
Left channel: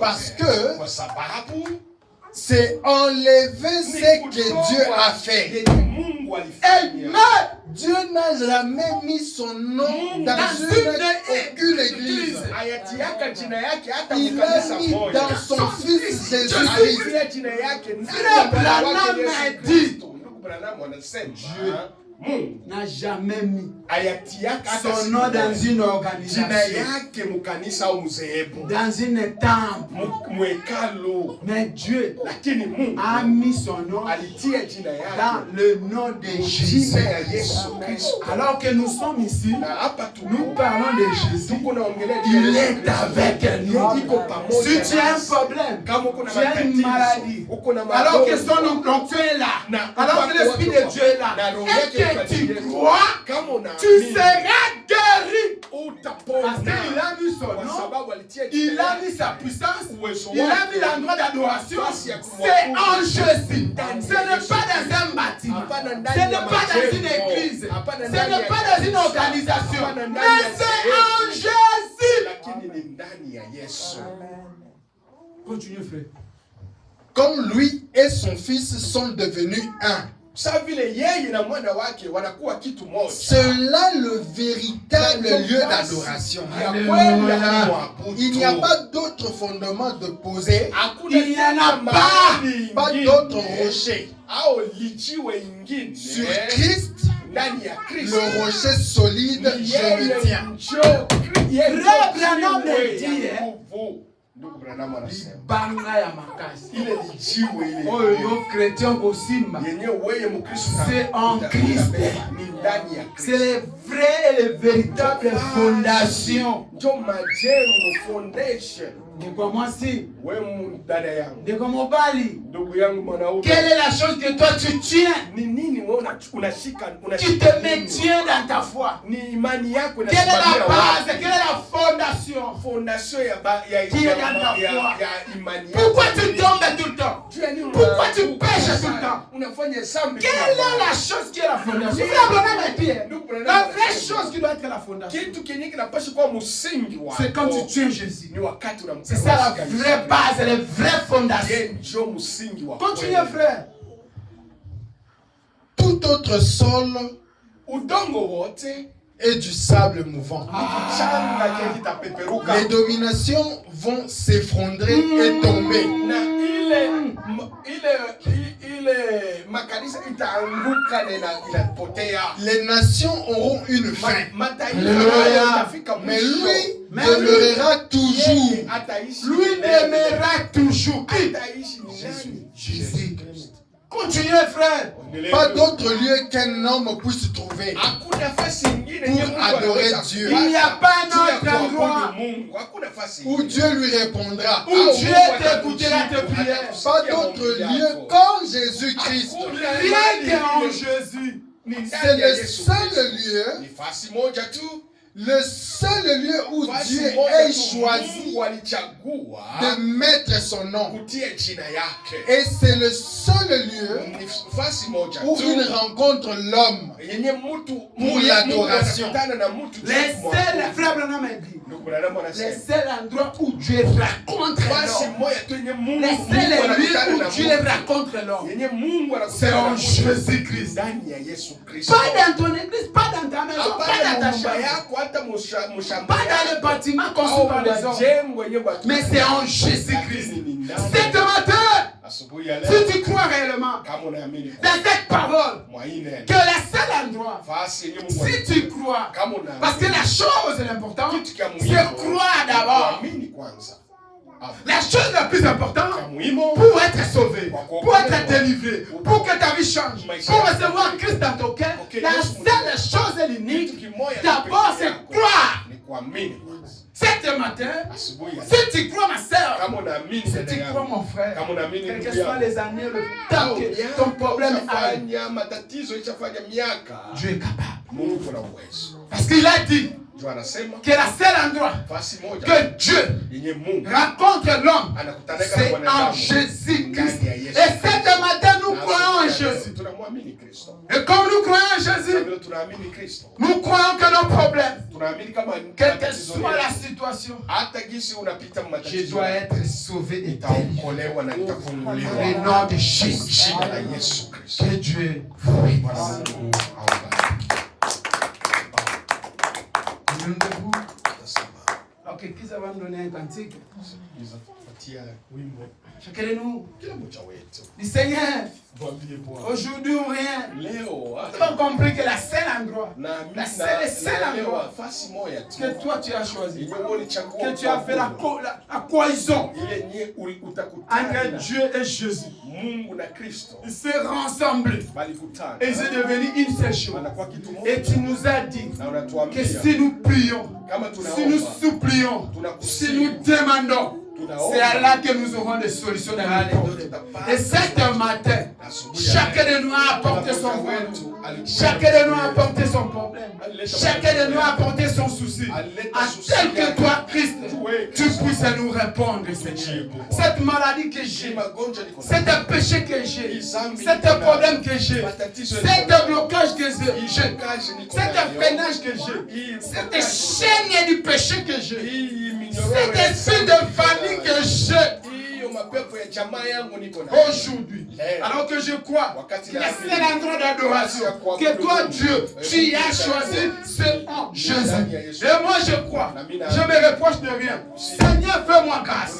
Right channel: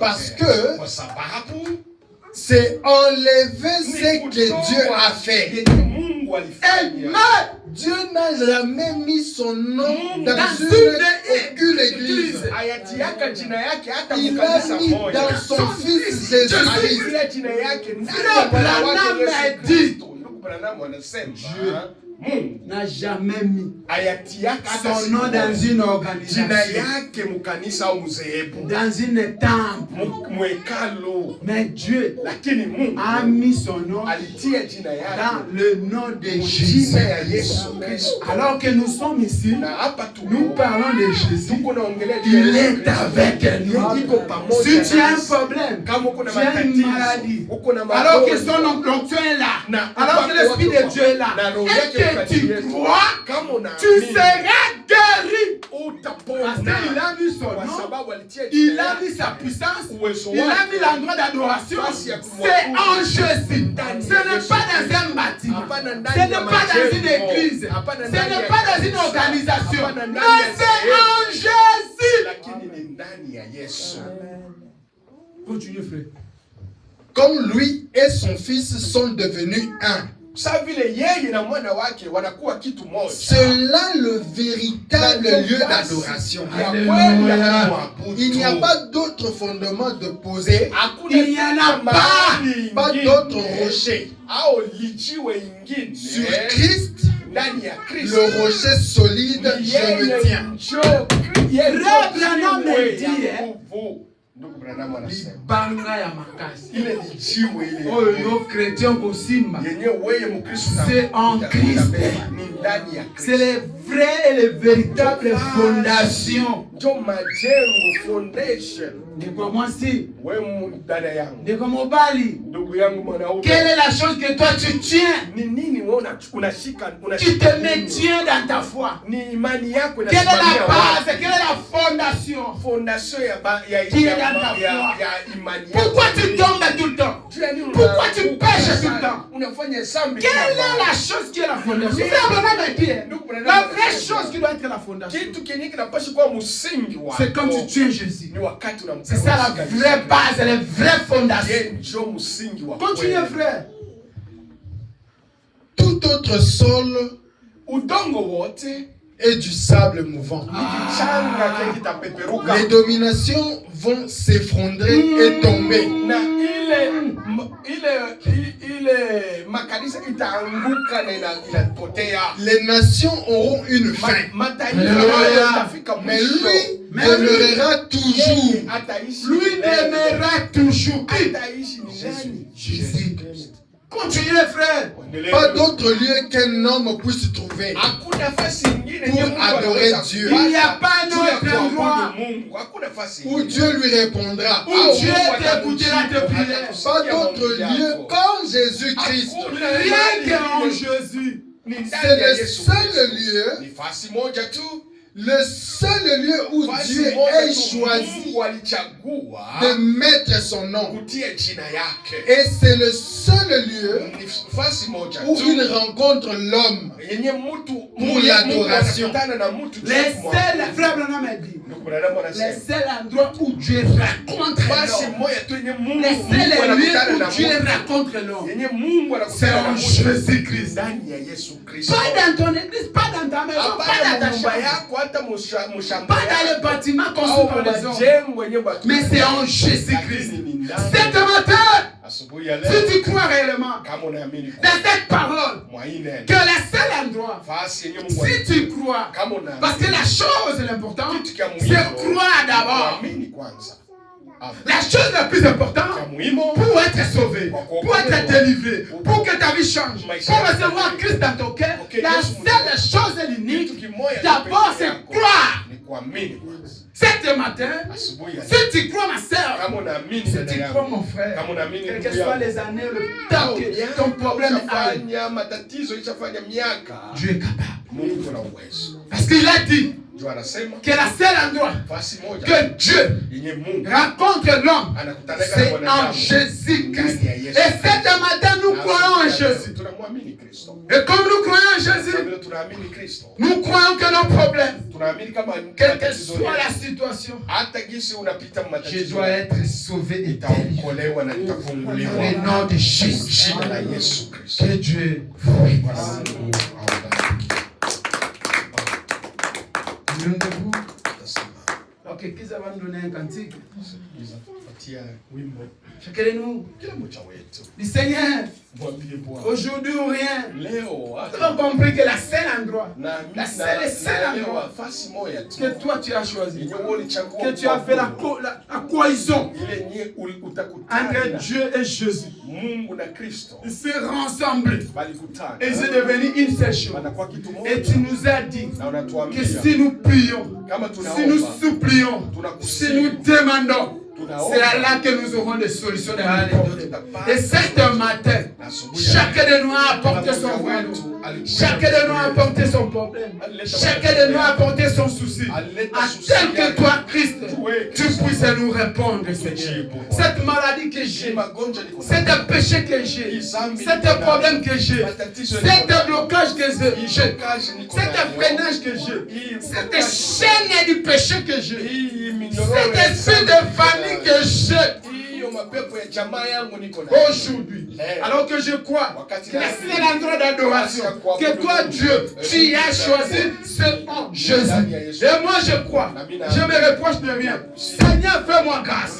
Parce que kwa sababu c'est enlever ce que Dieu a fait. Mungu alifanya. Dieu n'a jamais mis son nom dans aucune église. Hayati yake jina yake hata Il a mkanisa mis moja. dans son fils Jésus-Christ. Ile jina yake Frère Branham a dit, Ndugu Branham anasema Dieu Mungu n'a jamais mis hayati yake hata son nom dans une jina organisation, yake mkanisa au mzehebu dans une temple. mwekalo, Mais Dieu lakini Mungu a mis son nom alitia jina dans yake le nom de jina Jésus. ya Yesu Kristo. Alors que nous sommes ici, Na hapa nous parlons de Jésus. tuko naongelea juu ya Il Yesu est Kristo. avec nous. Iko pamoja Si tu as un nasi. problème, Kama uko na tu as une matatizo, maladie, uko na alors que magonjwa, son onction est là, na alors que upako l'Esprit wako de Dieu est là, na roho et yake que tu mtakatifu, crois, kama tu unaamini, seras guéri. utapona. Parce qu'il a mis son Kwa nom, sababu alitia il jina a yake, mis sa puissance, uwezo il a wake. mis l'endroit d'adoration. Nafasi ya C'est en kumwabudu. Jésus. Ndani Ce ya n'est Yesu pas Kristo. dans un bâtiment. Hapana Ce ndani n'est ya pas dans une majengo. église. Hapana Ce ndani n'est ya pas dans une kanisa. organisation. Hapana ndani Mais ya c'est sehemu. en Jésus. Lakini ni ndani Continuez, frère. Comme lui et son fils sont devenus un. C'est là le véritable lieu d'adoration. Il n'y a pas d'autre fondement de poser. Il n'y en a pas d'autre rocher. Sur Christ, le rocher solide, je me tiens. C'est en Christ. C'est les vraies et les véritables fondations. Quelle est la chose que toi tu tiens? Tu te maintiens dans ta foi. Quelle est la base? Quelle est la fondation qui est dans ta foi? Pourquoi tu tombes tout le temps? Pourquoi tu pêches tout le temps? Quelle est la chose qui est la fondation? La vraie chose qui doit être la fondation, c'est quand tu tiens Jésus. C'est ça la vraie base, la vraie fondation. Continuez, frère. Tout autre sol est du sable mouvant. Les dominations vont s'effondrer et tomber. Les nations auront une fin. Mais lui demeurera toujours. Lui demeurera toujours. Jésus. Continuez, frère. Pas d'autre lieu qu'un homme puisse trouver pour adorer Dieu. Il n'y a pas d'autre endroit où Dieu lui répondra. Où Dieu t'écoutera tes prières. Pas d'autre lieu qu'en Jésus-Christ. Rien qu'en Jésus. C'est le seul lieu. Le seul lieu où Dieu ait choisi de mettre son nom. Et c'est le seul lieu où il rencontre l'homme pour l'adoration. Les seuls, frère Branham a dit, les seuls endroits où Dieu rencontre l'homme, les seuls lieux où Dieu rencontre l'homme, c'est en Jésus-Christ. Pas dans ton église, pas dans ta maison, pas dans ta chambre, pas dans le bâtiment construit par les hommes, mais c'est en Jésus-Christ. Cette matin, si tu crois réellement dans cette parole, que le seul endroit, si tu crois, parce que la chose l'importante, c'est croire d'abord. La chose la plus importante pour être sauvé, pour être délivré, pour que ta vie change, pour recevoir Christ dans ton cœur, la seule chose et l'unique, d'abord c'est croire. Cet matin, si tu crois ma soeur, si tu crois mon frère, quelles que soient les années, le temps que ton problème arrive, Dieu est capable. Parce qu'il a dit que la seule endroit que Dieu rencontre l'homme, c'est en Jésus-Christ. Et cette matin, nous croyons en Jésus. Et comme nous croyons en Jésus, nous croyons que nos problèmes, quelle que soit la situation, je dois être sauvé et délivré. Le nom de Jésus. Que Dieu vous bénisse. Ok, qui ça va me donner un cantique? Chacun de nous. Le Seigneur, aujourd'hui ou rien, nous avons compris que la seule endroit, la seule endroit que toi tu as choisi, que tu as fait la cohésion entre Dieu et Jésus, ils se rassemblent et ils sont devenus une seule chose. Et tu nous as dit que si nous prions, si nous supplions, si nous demandons, C'est là que nous aurons des solutions dans les domaines. Et cet matin, chacun de nous a apporté son problème. Chacun de nous a apporté son problème. Chacun de nous a apporté son souci. Tel que toi, Christ, tu puisses nous répondre, Seigneur. Cette maladie que j'ai, cet péché que j'ai, cet problème que j'ai, cet blocage que j'ai, cet freinage que j'ai, cette chaîne du péché que j'ai, cet esprit de famille que j'ai, aujourd'hui, alors que je crois que c'est un endroit d'adoration, que toi, Dieu, tu as choisi ce Jésus. Et moi, je crois, je me reproche de rien. Seigneur, fais-moi grâce.